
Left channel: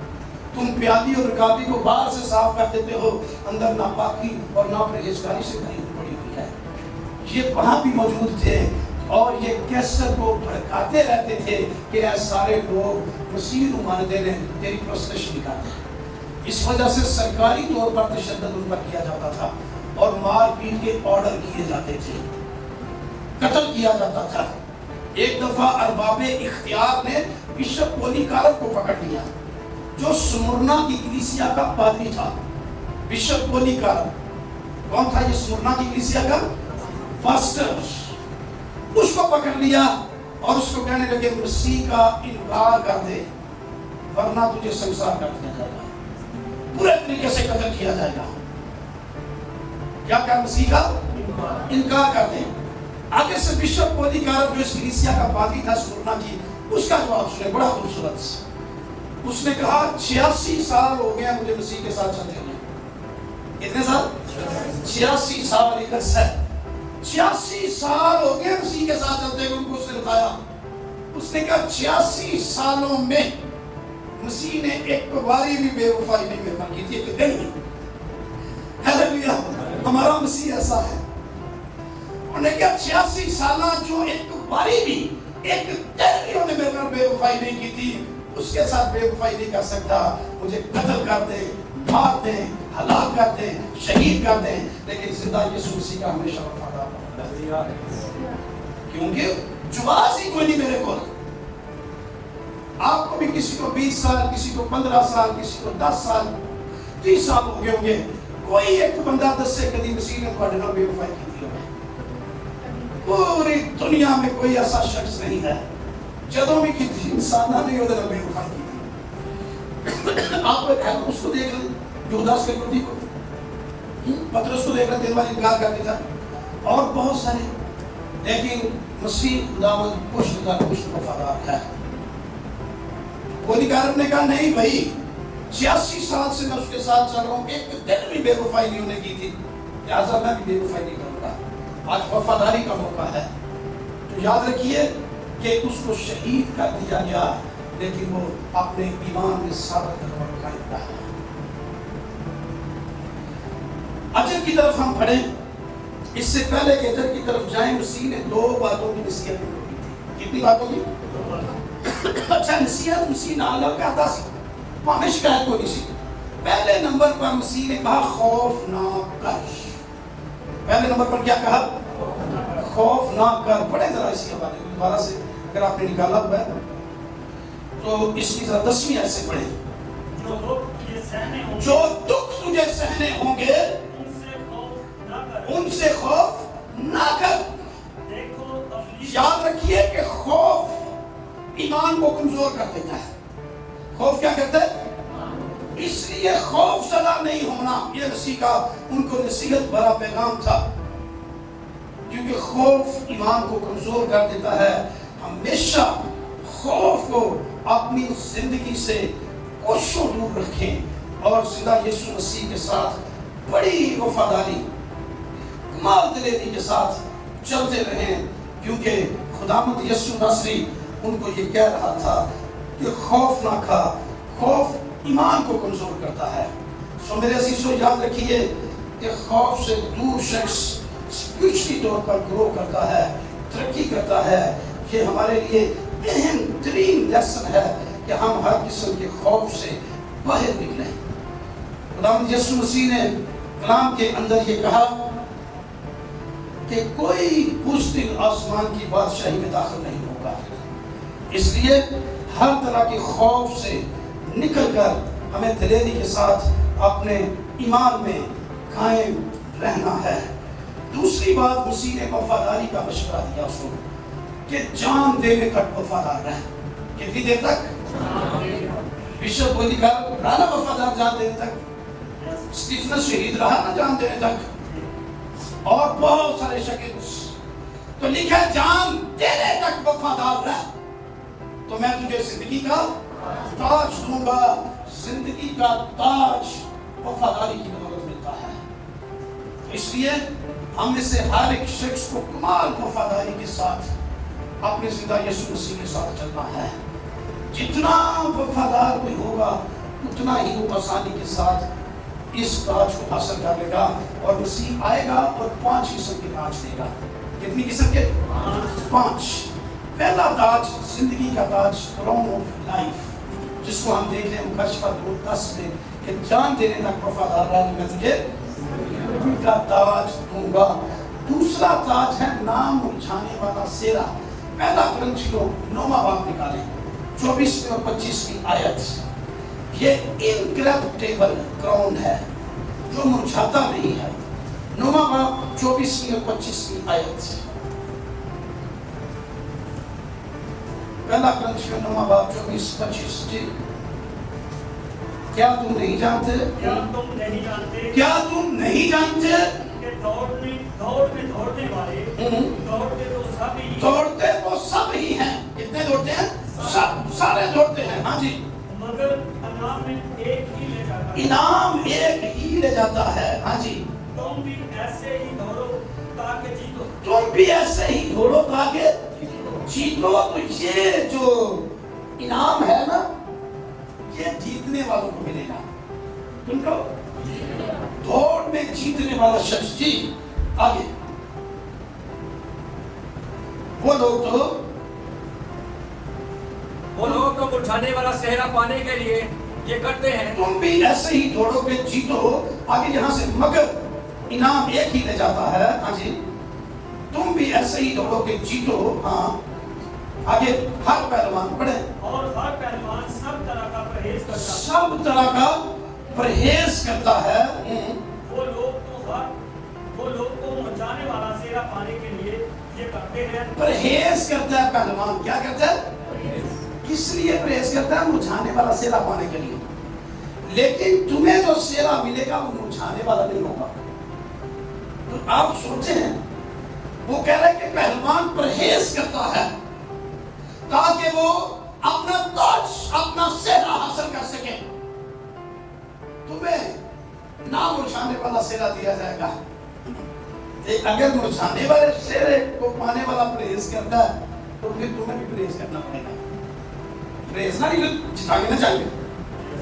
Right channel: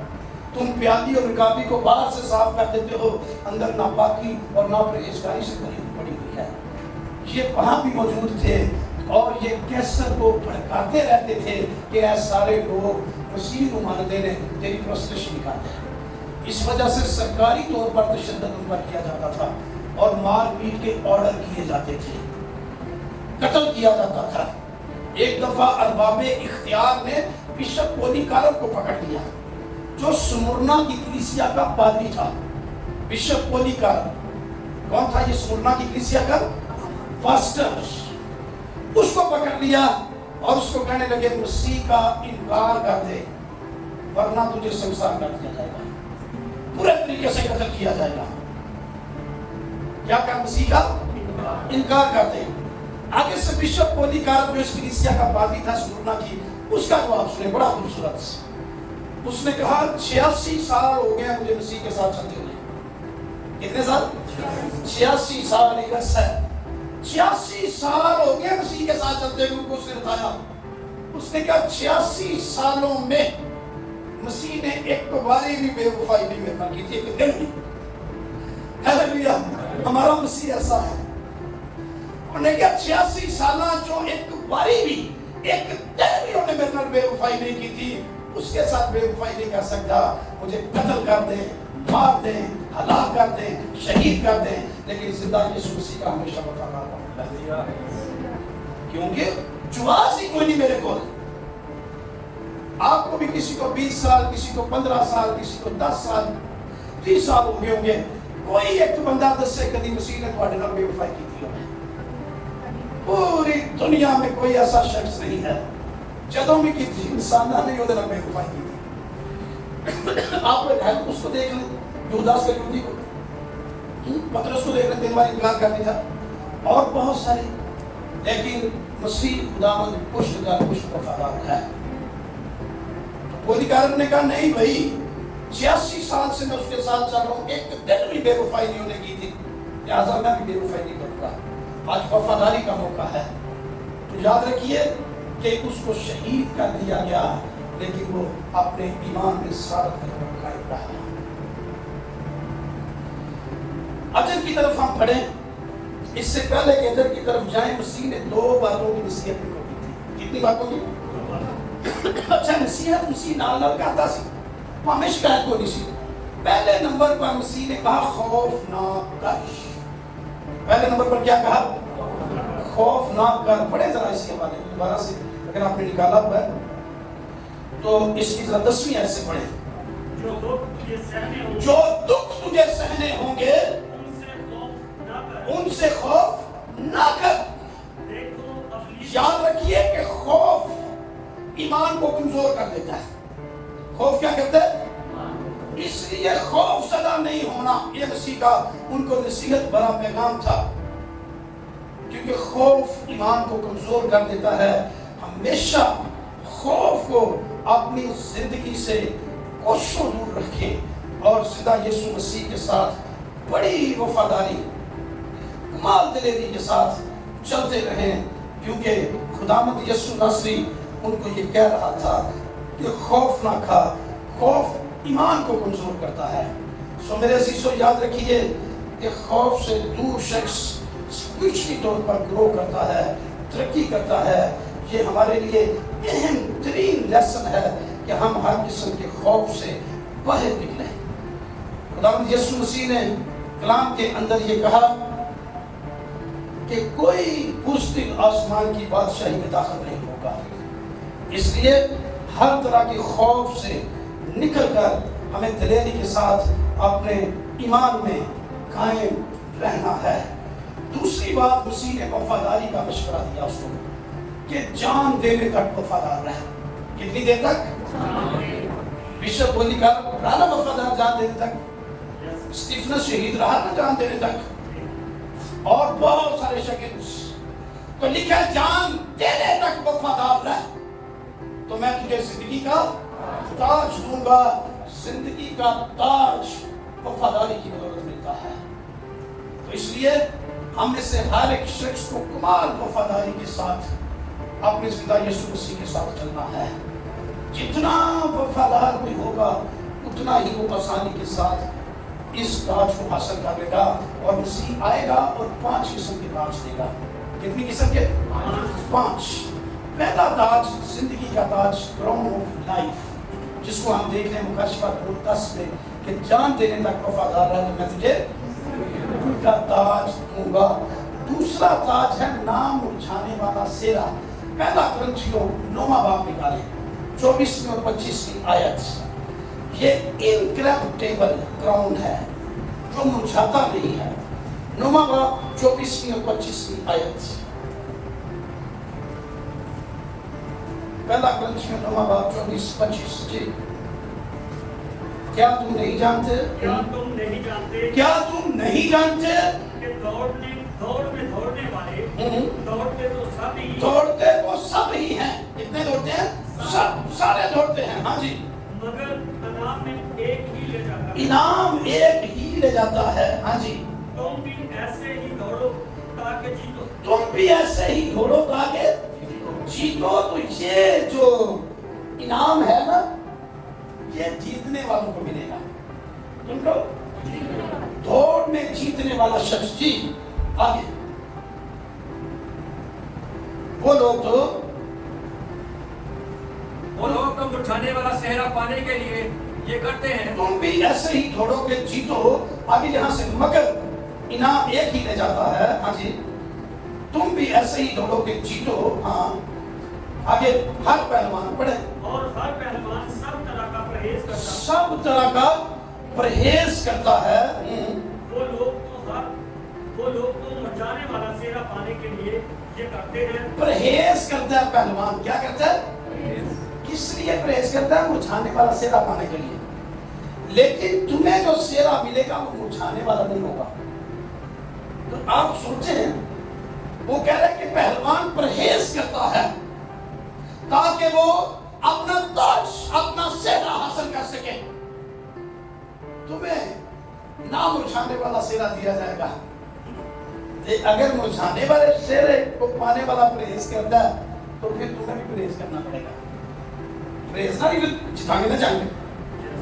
تم پیالی اور رکابی کو باہر سے صاف کر دیتے ہو، اندر ناپاکی اور ناپرہیزگاری سے پڑی ہوئی ہے۔ یہ وہاں بھی موجود تھے اور یہ کیسر کو بھڑکاتے رہتے تھے کہ اے سارے لوگ مسیح نمائندے نے تیری پرستش نکالی۔ اس وجہ سے سرکاری طور پر تشدد ان پر کیا جاتا تھا اور مار پیٹ کے آرڈر کیے جاتے تھے، قتل کیا جاتا تھا۔ ایک دفعہ ارباب اختیار نے بشپ پولیکارپ کو پکڑ لیا، جو سمرنا کی کلیسیا کا پادری تھا۔ بشپ پولیکارپ کون تھا؟ یہ سمرنا کی کلیسیا کا پاسٹر۔ اس کو پکڑ لیا اور اس کو کہنے لگے مسیح کا انکار کر دے ورنہ تجھے سنسار کر دیا جائے گا، پورے طریقے سے قتل کیا جائے گا۔ کیا کر مسیح کا انکار کر دے۔ آگے سے بشپ پولیکارپ جو اس کلیسیا کا پادری تھا سمرنا کی، اس کا جواب سنے بڑا خوبصورت۔ اس نے کہا 86 سال ہو گئے مجھے مسیح کے ساتھ چلتے ہوئے۔ کتنے سال؟ 86 سال لے کر سے 86 سال ہو گئے مسیح کے ساتھ چلتے ہوئے۔ ان کو اس نے بتایا، اس نے کہا 86 سالوں میں مسیح نے ایک باری بھی بے وفائی نہیں میرے پر کی تھی، ایک دن بھی۔ ہیلیلویا، ہمارا مسیح ایسا ہے۔ انہوں نے کہا 86 سالہ جو ایک باری بھی ایک دن بھی انہوں نے میرے پر بے وفائی نہیں کی تھی، اس کے ساتھ بے وفائی نہیں کر سکتا۔ مجھے قتل کر دے، مار دے، ہلاک کر دے، شہید کر دے، لیکن زندہ یسوع مسیح کا ہمیشہ وفادار رہوں، کیونکہ جواز ہی کوئی نہیں میرے کو۔ آپ کو بھی کسی کو 20 سال، کسی کو 15 سال، کسی کو 10 سال، 30 سال ہو گئے ہوں گے، کوئی ایک بندہ 10 سے کدی مسیح نے تھوڑے نال بے وفائی کی تھی؟ پوری دنیا میں کوئی ایسا شخص نہیں ہے جدوں بھی کی تھی انسانہ نہیں ادھر بے وفائی کی تھی۔ آپ لوگ اس کو دیکھ لیں، یہوداس کلوٹی کو، پترس کو دیکھ لیں، 3 بار انکار کرتی تھا، اور بہت سارے۔ لیکن مسیح خداوند پشت در پشت وفادار ہے. گولیکار نے کہا نہیں بھائی 86 سال سے میں اس کے ساتھ چل رہا ہوں, ایک دن بھی بے وفائی نہیں انہیں کی تھی, لہٰذا میں بھی بے وفائی نہیں کروں گا. آج وفاداری کا موقع ہے. تو یاد رکھیے کہ اس کو شہید کر دیا گیا, لیکن وہ اپنے ایمان میں ثابت قائم رہا. اجر کی طرف ہم پڑھیں, اس سے پہلے کہ ادھر کی طرف جائیں, مسیح نے 2 باتوں کی نصیحت کی. کتنی باتوں کی؟ اچھا نصیحت مسیح نال نال کہتا سی, ہمیں شکایت ہونی سی. پہلے نمبر پر مسیح نے کہا خوف نہ کر. پہلے نمبر پر کیا کہا؟ خوف نہ کر. پڑھیں ذرا اسی حوالے میں دوبارہ سے, اگر آپ نے نکالا ہوا ہے تو اس کی ذرا 10ویں آیت سے پڑھیں. جو دکھ تجھے سہنے ہوں گے ان سے خوف نہ کر. یاد رکھیے کہ خوف ایمان کو کمزور کر دیتا ہے. خوف کیا کرتا ہے؟ اس لیے خوف زدہ نہیں ہونا یہ مسیح کا ان کو نصیحت بڑا پیغام تھا, کیونکہ خوف ایمان کو کمزور کر دیتا ہے. ہمیشہ خوف کو اپنی زندگی سے کوسوں دور رکھیں اور سیدھا یسوع مسیح کے ساتھ بڑی وفاداری کمال دلیری کے ساتھ چلتے رہیں, کیونکہ خداوند یسوع ناصری ان کو یہ کہہ رہا تھا کہ خوف نہ کھا. خوف ایمان کو کمزور کرتا ہے. سو میرے عزیزو یاد رکھیے کہ خوف سے دور شخص اسپرچولی طور پر گرو کرتا ہے, ترقی کرتا ہے. یہ ہمارے لیے اہم ترین لیسن ہے کہ ہم ہر قسم کے خوف سے باہر نکلیں. خداوند یسوع مسیح نے کلام کے اندر یہ کہا کہ کوئی بزدل آسمان کی بادشاہی میں داخل نہیں ہوگا. اس لیے ہر طرح کے خوف سے نکل کر ہمیں دلیری کے ساتھ اپنے ایمان میں قائم رہنا ہے. دوسری بات, مسیح نے وفاداری کا مشورہ دیا اس کو کہ جان دینے تک وفادار رہے. کتنی دیر تک؟ بشپ بولی کا رہا نا وفادار جان دینے تک. اسٹیفنس شہید رہا نا جان دینے تک, اور بہت سارے شاگرد. تو لکھا جان دینے تک وفادار رہ تو میں تجھے زندگی کا تاج دوں گا. زندگی کا تاج وفاداری کی بدولت ملتا ہے. تو اس لیے ہم میں سے ہر ایک شخص کو کمال وفاداری کے ساتھ اپنے زندہ یسوع مسیح کے ساتھ چلنا ہے. جتنا وفادار کوئی ہوگا اتنا ہی وہ آسانی کے ساتھ اس تاج کو حاصل کر لے گا, اور مسیح آئے گا اور 5 قسم کے تاج دے گا. کتنی قسم کے؟ 5. پہلا تاج زندگی کا تاج, کراؤن آف لائف, جس کو ہم دیکھ رہے ہیں مکاشفہ 10 میں کہ جان دینے تک وفادار رہا تو میں تجھے زندگی کا تاج دوں گا. دوسرا تاج ہے نام اچھانے والا سیرا. پہلا کرنتھیوں 9واں باب نکالیں 24 اور 25 آیت. یہ انکریپٹیبل کراؤن ہے جو مرجھاتا نہیں ہے. 9واں باب 24 اور 25 آیت. پہلا کرنتھیوں 9واں باب 24-25. جی کیا تم نہیں جانتے؟ کیا تم نہیں جانتے کہ دوڑنے والے دوڑتے تو سب ہی ہیں. کتنے دوڑتے ہیں؟ سب, سارے دوڑتے ہیں. ہاں جی, مگر انعام ایک ہی لے جاتا ہے. ہاں جی, تم بھی ایسے ہی دوڑو تاکہ جیتو. تم بھی ایسے ہی دوڑو تاکہ جیتو. تو یہ جو انعام ہے نا یہ جیتنے والوں کو ملے گا. تم کو دوڑ میں جیتنے والا شخص. جی آگے, وہ لوگ تو اٹھانے والا صحرا پانے کے لیے یہ کرتے ہیں. تم بھی ایسے ہی دوڑو گے, جیتو. آگے یہاں سے مگر انعام ایک ہی لے جاتا ہے. ہاں جی, تم بھی ایسے ہی دوڑو گے, جیتو. ہاں آگے, ہر پہلوان پڑھے. اور ہر پہلوان سب طرح کا پرہیز کرتا ہے. وہ لوگ تو مچانے والا سیرا پانے کے لیے یہ کرتے ہیں. پرہیز کرتا ہے پہلوان. کیا کرتا ہے؟ کس لیے پرہیز کرتا ہے؟ مرجھانے والا سیرا پانے کے لیے. لیکن تمہیں جو سیرا ملے گا وہ مرجھانے والا نہیں ہوگا. تو آپ سوچیں وہ کہہ رہے ہیں کہ پہلوان پرہیز کرتا ہے تاکہ وہ اپنا تاج اپنا صحرا حاصل کر سکے. تمہیں نہ مرجھانے والا صحرا دیا جائے گا. اگر مرجھانے والے صحرے کو پانے والا پرہیز کرتا ہے تو پھر تمہیں بھی پرہیز کرنا پڑے گا. پرہیز نہ جتانے نہ چاہیے,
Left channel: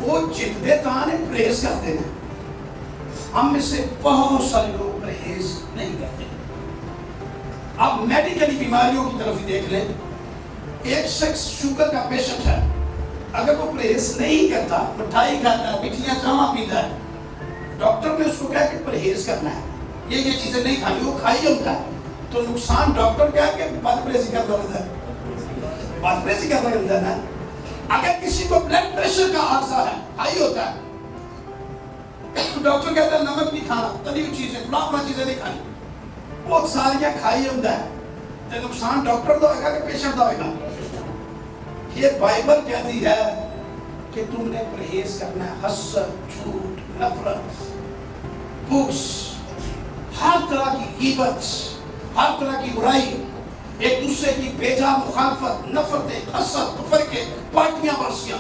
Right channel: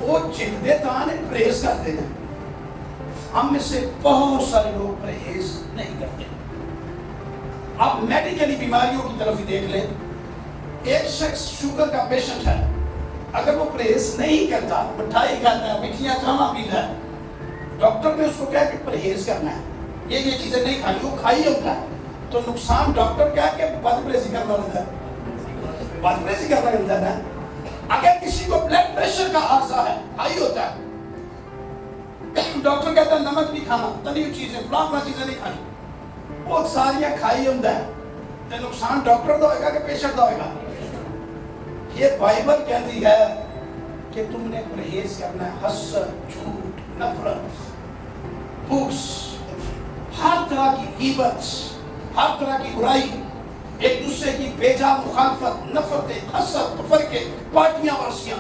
وہ جتنے تانے پرہیز کرتے ہیں. ہم میں سے بہت سارے لوگ پرہیز نہیں کرتے. آپ میڈیکلی بیماریوں کی طرف ہی دیکھ لیں. ایک شخص شوگر کا پیشنٹ ہے, اگر وہ پرہیز نہیں کرتا, مٹھائی کھاتا ہے, مٹھیاں چاواں پیتا ہے, ڈاکٹر نے اس کو کہا کہ پرہیز کرنا ہے, یہ چیزیں نہیں کھانی, وہ کھائی ہوتا ہے, تو نقصان ڈاکٹر کیا کہ بد پرہیزی کرنا ہوتا ہے. بد پرہیزی کرنا ہوتا ہے نا. اگر کسی کو بلڈ پریشر کا عارضہ ہے, ہائی ہوتا ہے, ڈاکٹر کہتا ہے نمک نہیں کھانا, تلی ہوئی چیزیں, فلاں چیزیں نہیں کھانی, وہ ساریاں کھائی ہوتا ہے, تو نقصان ڈاکٹر دا ہوئے گا کہ پیشنٹ دا ہوئے گا. یہ بائبل کہتی ہے کہ تم نے پرہیز کرنا ہے. حسد, جھوٹ, نفرت, بغض, ہر طرح کی غیبت, ہر طرح کی برائی, ایک دوسرے کی بیجا مخالفت, نفرتیں, حسد, تفرقے, پارٹیاں وارسیاں.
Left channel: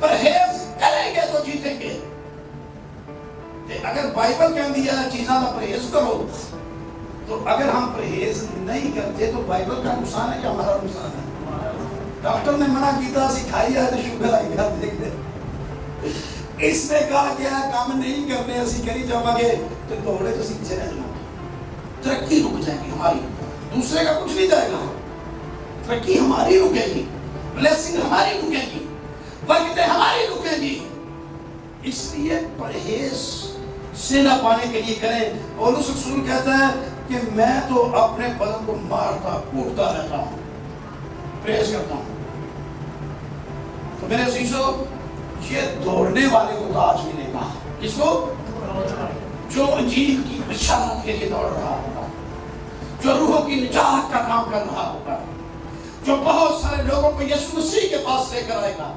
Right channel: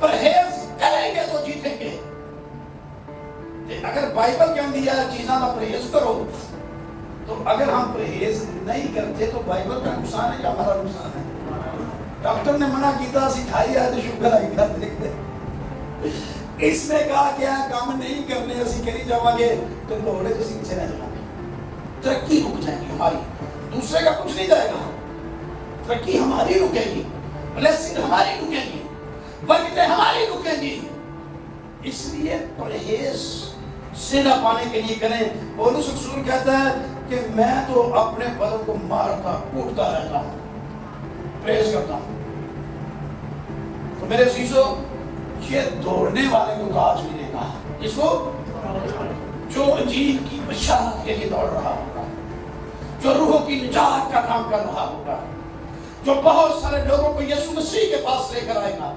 پرہیز کریں گے تو جیتیں گے. اگر بائبل کہتی ہے چیزاں کا پرہیز کرو, تو اگر ہم پرہیز نہیں کرتے تو بائبل کا نقصان ہے کہ ہمارا نقصان ہے. ڈاکٹر نے منع کیتا سی کھائی جائے تو شوگر آئی گا, دیکھتے اس نے کہا کیا کام نہیں کرنے اسی کری جاؤں گے تو دوڑے تو پیچھے رہ جاؤں گے. ترقی رک جائے گی ہماری, دوسرے کا کچھ نہیں جائے گا. ترقی ہماری رکے گی, بلیسنگ ہماری رکے گی, برکتیں ہماری رکے گی. اس لیے پرہیز صحرا پانے کے لیے کریں. پولس رسول کہتا ہے کہ میں تو اپنے بدن کو مارتا کوٹتا رہتا ہوں, پرہیز کرتا ہوں. تو میرے عزیزو, یہ دوڑنے والے کو تاج ملے گا. کس کو؟ جو انجیل کی بشارت کے لیے دوڑ رہا ہوگا, جو روحوں کی نجات کا کام کر رہا ہوگا, جو بہت سارے لوگوں کو یسوع مسیح کے پاس لے کر آئے گا,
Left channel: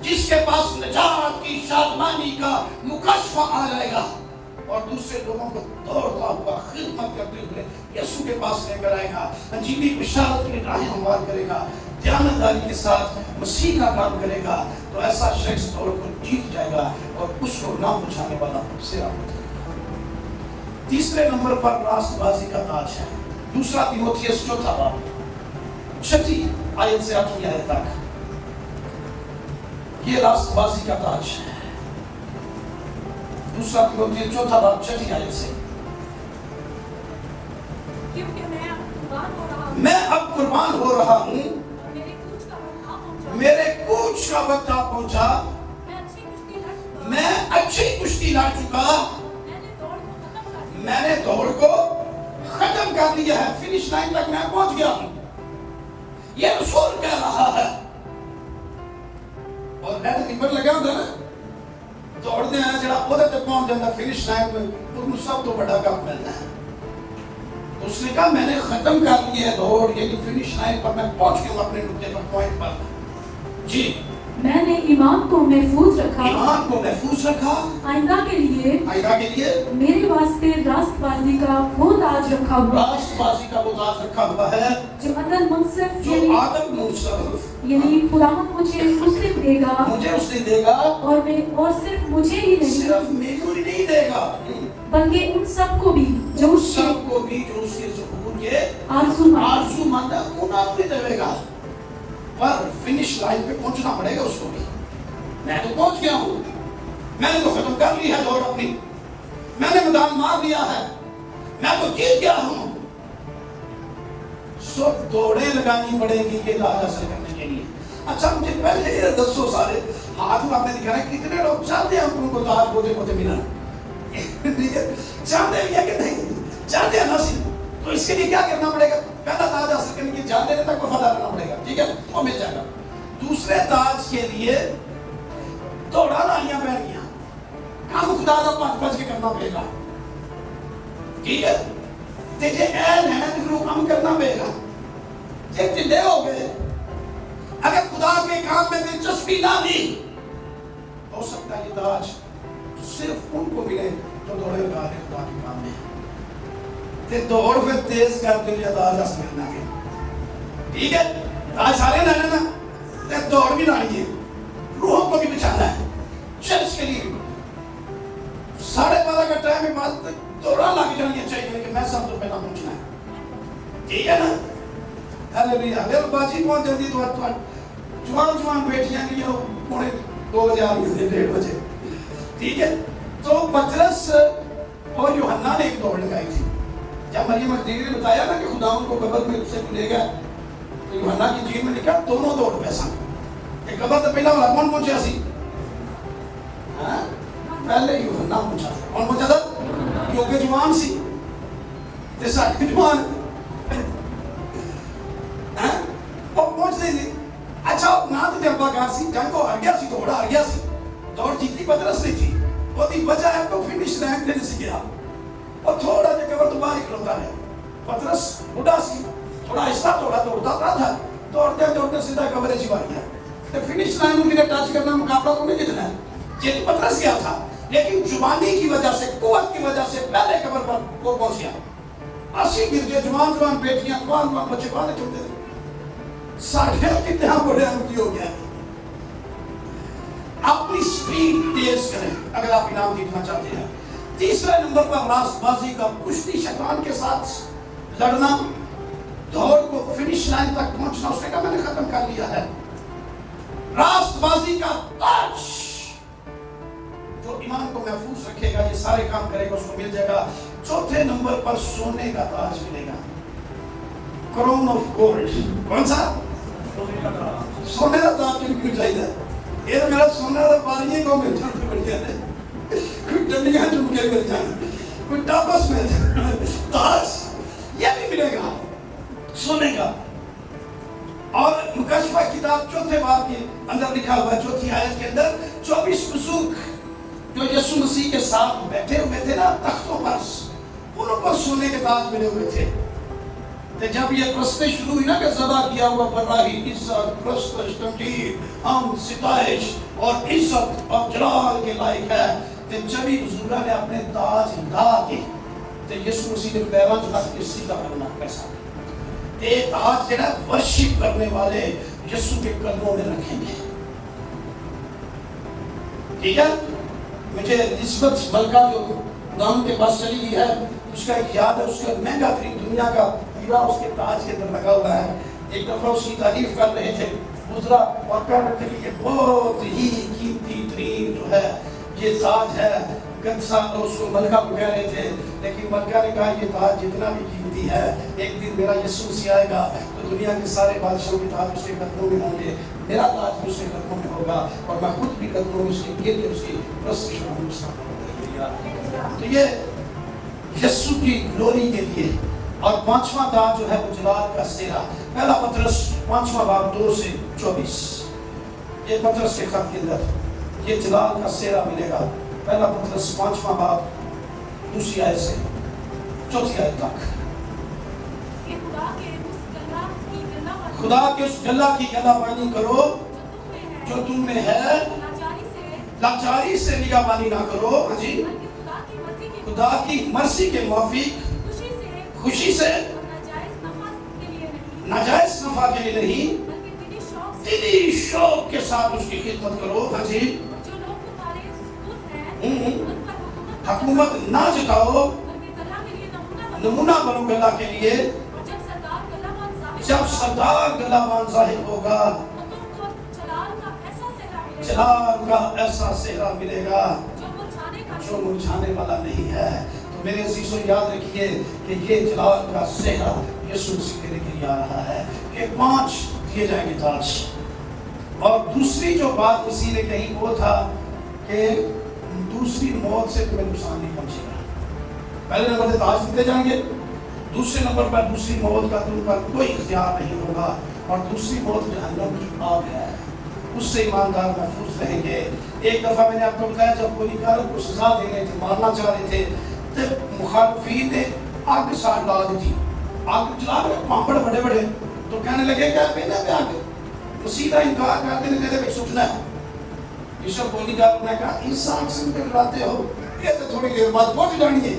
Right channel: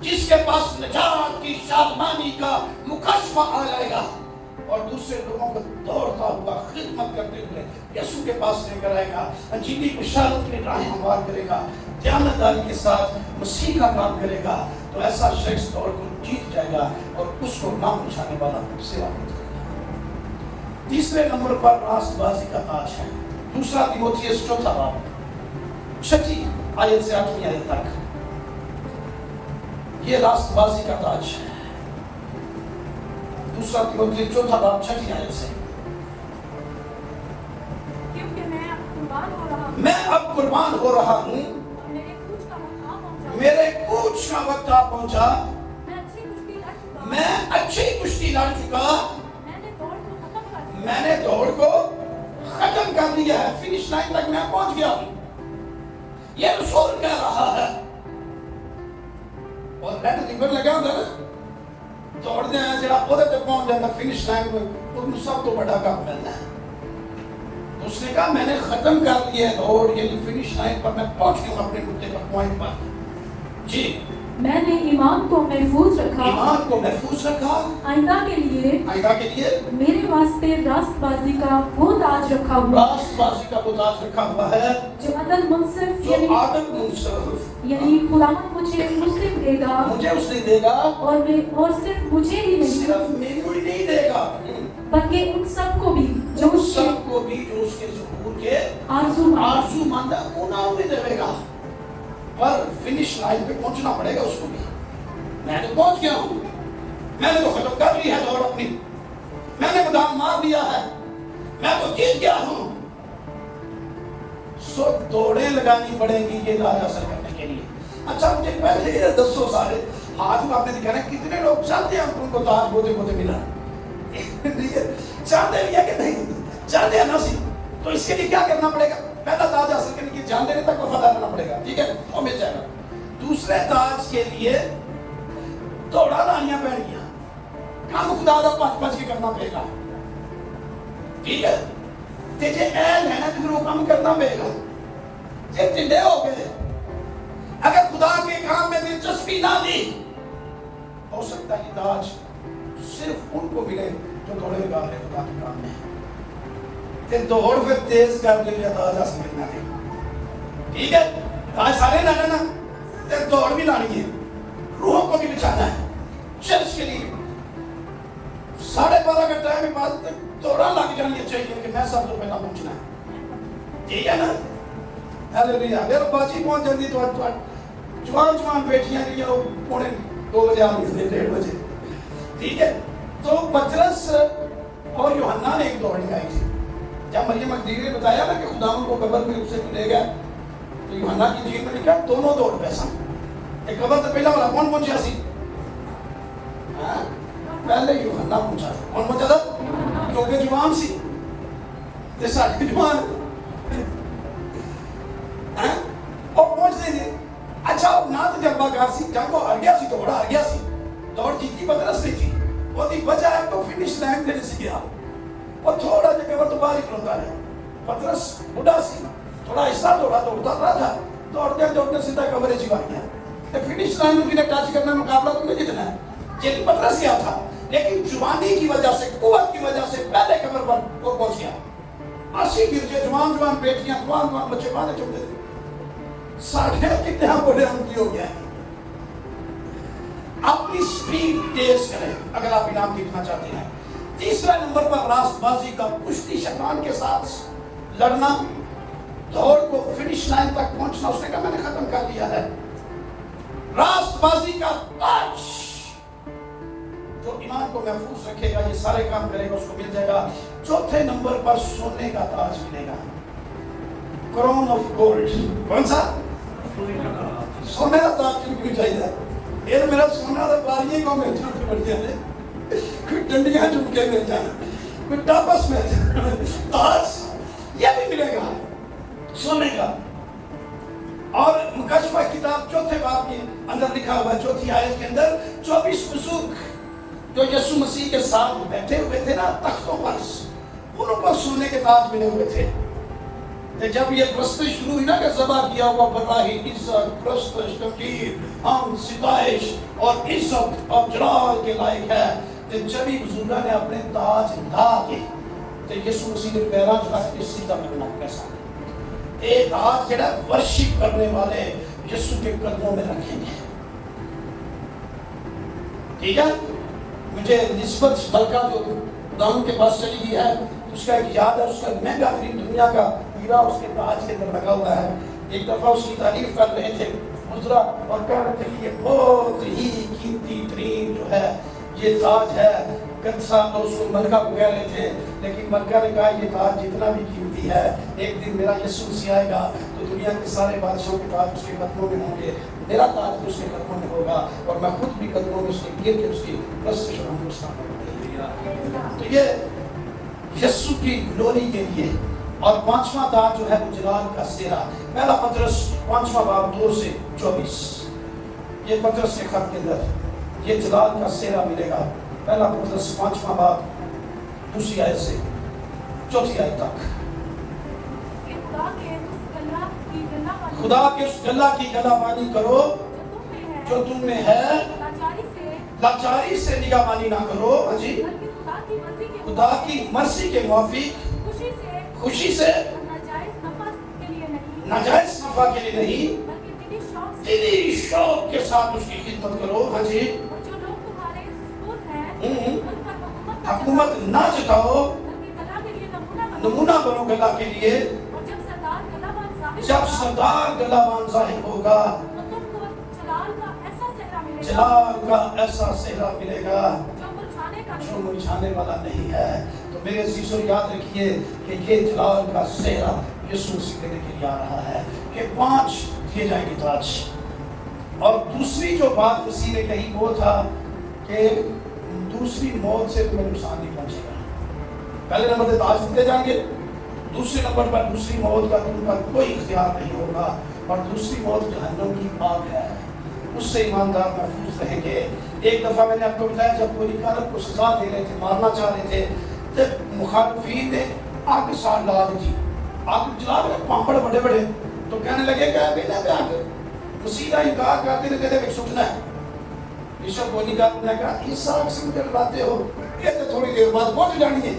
جس کے پاس نجات کی شادمانی کا مکاشفہ آ جائے گا, اور دوسرے لوگوں کو دوڑتا ہوا خدمت کرتے ہوئے یسوع کے پاس لے کر آئے گا, انجیلی بشارت کی راہیں ہموار کرے گا, دیانتداری کے ساتھ مسیح کا کام کرے گا. تو ایسا شخص دوڑ کو جیت جائے گا اور اس کو نہ پہنچانے والا صحرا ملے گا. تیسرے نمبر پر راست بازی کا تاج ہے. دوسرا تیموتھیوس چوتھا باب 6 آیت سے 8 آیت تک, یہ راست بازی کا تاج ہے. دوسرا تیموتھیوس چوتھا باب 6 آیت سے, میں اب قربان ہو رہا ہوں, میرے کوچ کا وقت آ پہنچا, میں اچھی کشتی لڑ چکا, میں نے دوڑ کو ختم کر دیا ہے, فنش لائن تک میں پہنچ گیا ہوں. یہ رسول کہہ رہا ہے. اور ریڈ نمبر لگا ہوگا نا, دوڑنے ہیں جڑا پودے تک پہنچ جاتا فنش لائن میں, ان سب تو بڑا کام ملتا ہے. اس نے کہا میں نے ختم کر دیا ہے دوڑ, یعنی فنش لائن پر میں پہنچ گیا اپنے نقطے پر, پوائنٹ پر. جی, میں نے ایمان کو محفوظ رکھا, ایمان کو محفوظ رکھا, آئندہ کے لیے میرے واسطے راست بازی کا وہ تاج رکھا ہوا, راست بازی کا وہ تاج رکھا ہوا ہے, جو عدل منصف یعنی خداوند مجھے اس نے دے گا, مجھے اس نے دے گا, اور صرف مجھے ہی نہیں, صرف میرے کو ہی نہیں دے گا, بلکہ ان سب کو بھی جو اس کے ظہور کے آرزو مند ہے انہوں نے دے گا. پر فنش لائن پہ پہنچنا پڑے گا اس کو بھی. میں تو پہنچ گیا ہوں, میں نے تو ختم کر لی ہے دوڑ اپنی, میں نے میدان مار لیا ہے, میں تو جیت گیا ہوں. سو دوڑیں لگانی پڑے گی یہ تاج حاصل کرنے کے لیے. اچھا مجھے پہلے ادھر دسو سارے ہاتھ میں آپ نے دکھانا کتنے لوگ چاہتے ہیں ان کو تاج بوتے بوتے ملا, چاہتے بھی ہے کہ نہیں چاہتے ہیں نصیب. تو اس کے لیے کیا کرنا پڑے گا؟ پہلا تاج حاصل کرنے کے لیے جان دینے تک وفادار رہنا پڑے گا, ٹھیک ہے, وہ مل جائے گا. دوسرے تاج کے لیے دوڑا نالیاں بیٹھ گیا, کام خدا دا پانچ پانچ کے کرنا پڑے گا, ٹھیک ہے. تجھے اہل ہے نا تو پھر وہ کام کرنا پڑے گا. جب ٹھنڈے ہو گئے, اگر خدا کے کام میں دلچسپی نہ دی, ہو سکتا ہے کہ تاج صرف ان کو ملے جو دوڑے لگا رہے خدا کے کام میں. تے دوڑ پھر تیز کر کے تاج اس ملنا ہے. ٹھیک ہے, تاج سارے لانا نا, تے دوڑ بھی لانی ہے, روحوں کو بھی بچانا ہے. چرچ کے لیے 12:30 کا ٹائم کے بعد دوڑا لگ جانی چاہیے کہ میں سب سے پہلا پہنچنا ہے. ٹھیک ہے نا, ہاللویا. اگر باجی پہنچ جاتی تو جوان بیٹیاں کی جو 2 بجے آ گئی 1:30 بجے. ٹھیک ہے, تو پترس اور یوحنا نے ایک دوڑ لگائی تھی. جب مریم مگدلینی نے بتایا نا کہ خداوند کو قبر میں اس سے ملے گا, تو یوحنا کی انجیل میں لکھا دونوں دوڑ گئے سن. ایک قبر تو پہلا والا کون پہنچا سی؟ پہلے یوحنا پہنچا. کون پہنچا تھا؟ کیونکہ جوان سی, ساڑھے جوان اور پہنچ دے دی. اچھا نہ تو تجربہ کار سی, جنگ کو ہار گیا سی, دوڑا ہار گیا سی, دوڑ جیتی پترس نہیں تھی. وہ دی وجہ ہے تو فنش لائن پہ نہیں گیا اور تھوڑا جگہ پر تو باہر ہی کھلوتا ہے. پترس بڑھا سی, تھوڑا حصہ تھوڑا دوڑتا رہا تھا, دوڑتے سیدھا قبر چ بھر گیا. فنش لائن میں ٹچ کرنا مقابلہ تو نہیں جتنا ہے, یہ پترس گیا تھا, لیکن جوانی کی وجہ سے, قوت کی وجہ سے پہلے قبر پر وہ پہنچ گیا. 80 گرجے جوان بیٹیاں, جوان بچے باہر چلتے تھے. ساڑھے کتنے ہم بڑے ہم ہو گیا. اپنی سپیڈ تیز کریں اگر آپ انعام جیتنا چاہتے ہیں. تیسرا نمبر پر راست بازی کا کشتی, شیطان کے ساتھ لڑنا, دوڑ کو فنش لائن تک پہنچنا. اس نے کہا میں نے ختم کر لیا ہے. راست بازی کا تاج جو ایمان کو محفوظ رکھے گا, یہ سارے کام کرے گا, اس کو مل جائے گا. چوتھے نمبر پر سونے کا تاج ملے گا, کرون آف گولڈ. کون سا؟ سونے کا تاج کیوں چاہیے؟ یہ تو میرا سونا تھا, باریاں کو مل جاتے بڑھ گئے, کوئی ڈنڈیاں چمکے مل جائیں, کوئی ٹاپس مل جائیں, تاج یہ بھی ملے گا سونے کا. اور مکاشفہ کتاب چوتھے باب کے اندر لکھا ہوا ہے, چوتھی آیت کے اندر 24 بزرگ جو یسوع مسیح کے ساتھ بیٹھے ہوئے تھے نا تختوں پر, انہوں پر سونے کے تاج ملے ہوئے تھے. جب یہ پرستش شروع ہوئی نا کہ ذبح کیا ہوا براہی, عزت, پرستش, تقدیر, ہم, ستائش اور عزت اور جلال کے لائق ہے, تو جبھی بزرگاں نے اپنے تاج لا کے تو یسوع مسیح نے پیراں چلا کے سیدھا کرنا کیسا. ایک تاج جڑا ورشپ کرنے والے یسوع کے قدموں میں رکھیں گے. ٹھیک ہے, مجھے نسبت ملکہ جو خداوند کے پاس چلی گئی ہے, اس کا ایک یاد ہے, اس کا مہنگا ترین دنیا کا ہیرا اس کے تاج کے اندر لگا ہوا ہے. ایک دفعہ اس کی تعریف کر رہے تھے گزرا اور کہہ رہے تھے کہ یہ بہت ہی قیمتی ترین جو ہے یہ تاج ہے. کنسا اور اس کو ملکہ کو کہہ رہے تھے, لیکن ملکہ نے کہا یہ تاج جتنا بھی قیمتی ہے, ایک دن میرا یسوع مسیح آئے گا تو دنیا کے سارے بادشاہوں کے تاج اس کے قدموں میں ہوں گے, میرا تاج بھی اس کے قدموں میں ہوگا, اور میں خود بھی قدموں میں اس کے گر کے اس کی پرستش کروں گا. تو یہ یسوع کی گلوری کے لیے. اور 5واں تاج جو ہے وہ جلال کا سہرا. پہلا پترس 5واں باب 2 سے 24, یہ پترس کے خط کے اندر یہ جلال کا سہرا ملے گا. پہلا پترس 5واں باب 2 آیت سے 4 آیت تک. خدا کے اس گلہ کی گلہ بانی کرو جو تم میں ہے, لاچاری سے نگاہ بانی نہ کرو. ہاں جی, خدا کی مرضی کے موافق خوشی سے, ناجائز نفع کے لیے نہیں, دلی شوق کے ساتھ اس کی خدمت کرو. ہاں جی, حکومت نہ جتاؤ, نمونہ بنو گلہ کے لیے. جب سردار گلہ بان ظاہر ہوگا جلال کا ایسا سہرا ملے گا جو مرجھانے والا نہیں ہے. تو میرے عزیزو یاد رکھیے کہ یہ جلال کا سہرا یسوع مسیح کے لیے آ رہا ہے کہ 5 دیے جائیں گے تاج. اور دوسری جو بات مسیح نے کہی وہ تھا کہ دوسری موت سے تمہیں نقصان نہیں پہنچے گا. پہلے نمبر پہ تاج دیتے جائیں گے, دوسرے نمبر پر دوسری موت کا تم پر کوئی اختیار نہیں ہوگا. اور دوسری موت جہنم کی آگ ہے, اس سے ایماندار محفوظ رہیں گے. ایک دفعہ میں نے آپ کو بتایا جب کوئی کارک کو سزا دے رہے تھے, مارنا چاہ رہے تھے, تو مخالفین نے آگ ساتھ ڈال دی تھی, آگ جلا کر پامپڑ بڑے بڑے, تو کہنے لگے کہ بیٹا پہ آگ مسیح کا انکار کرتے ہیں, کہتے ہیں سٹنا ہے. یسوع بولی کا نے کہا اس آگ سے مجھے ڈراتے ہو, یہ تو تھوڑی دیر بعد بہت جلانی ہے.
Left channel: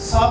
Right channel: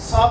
7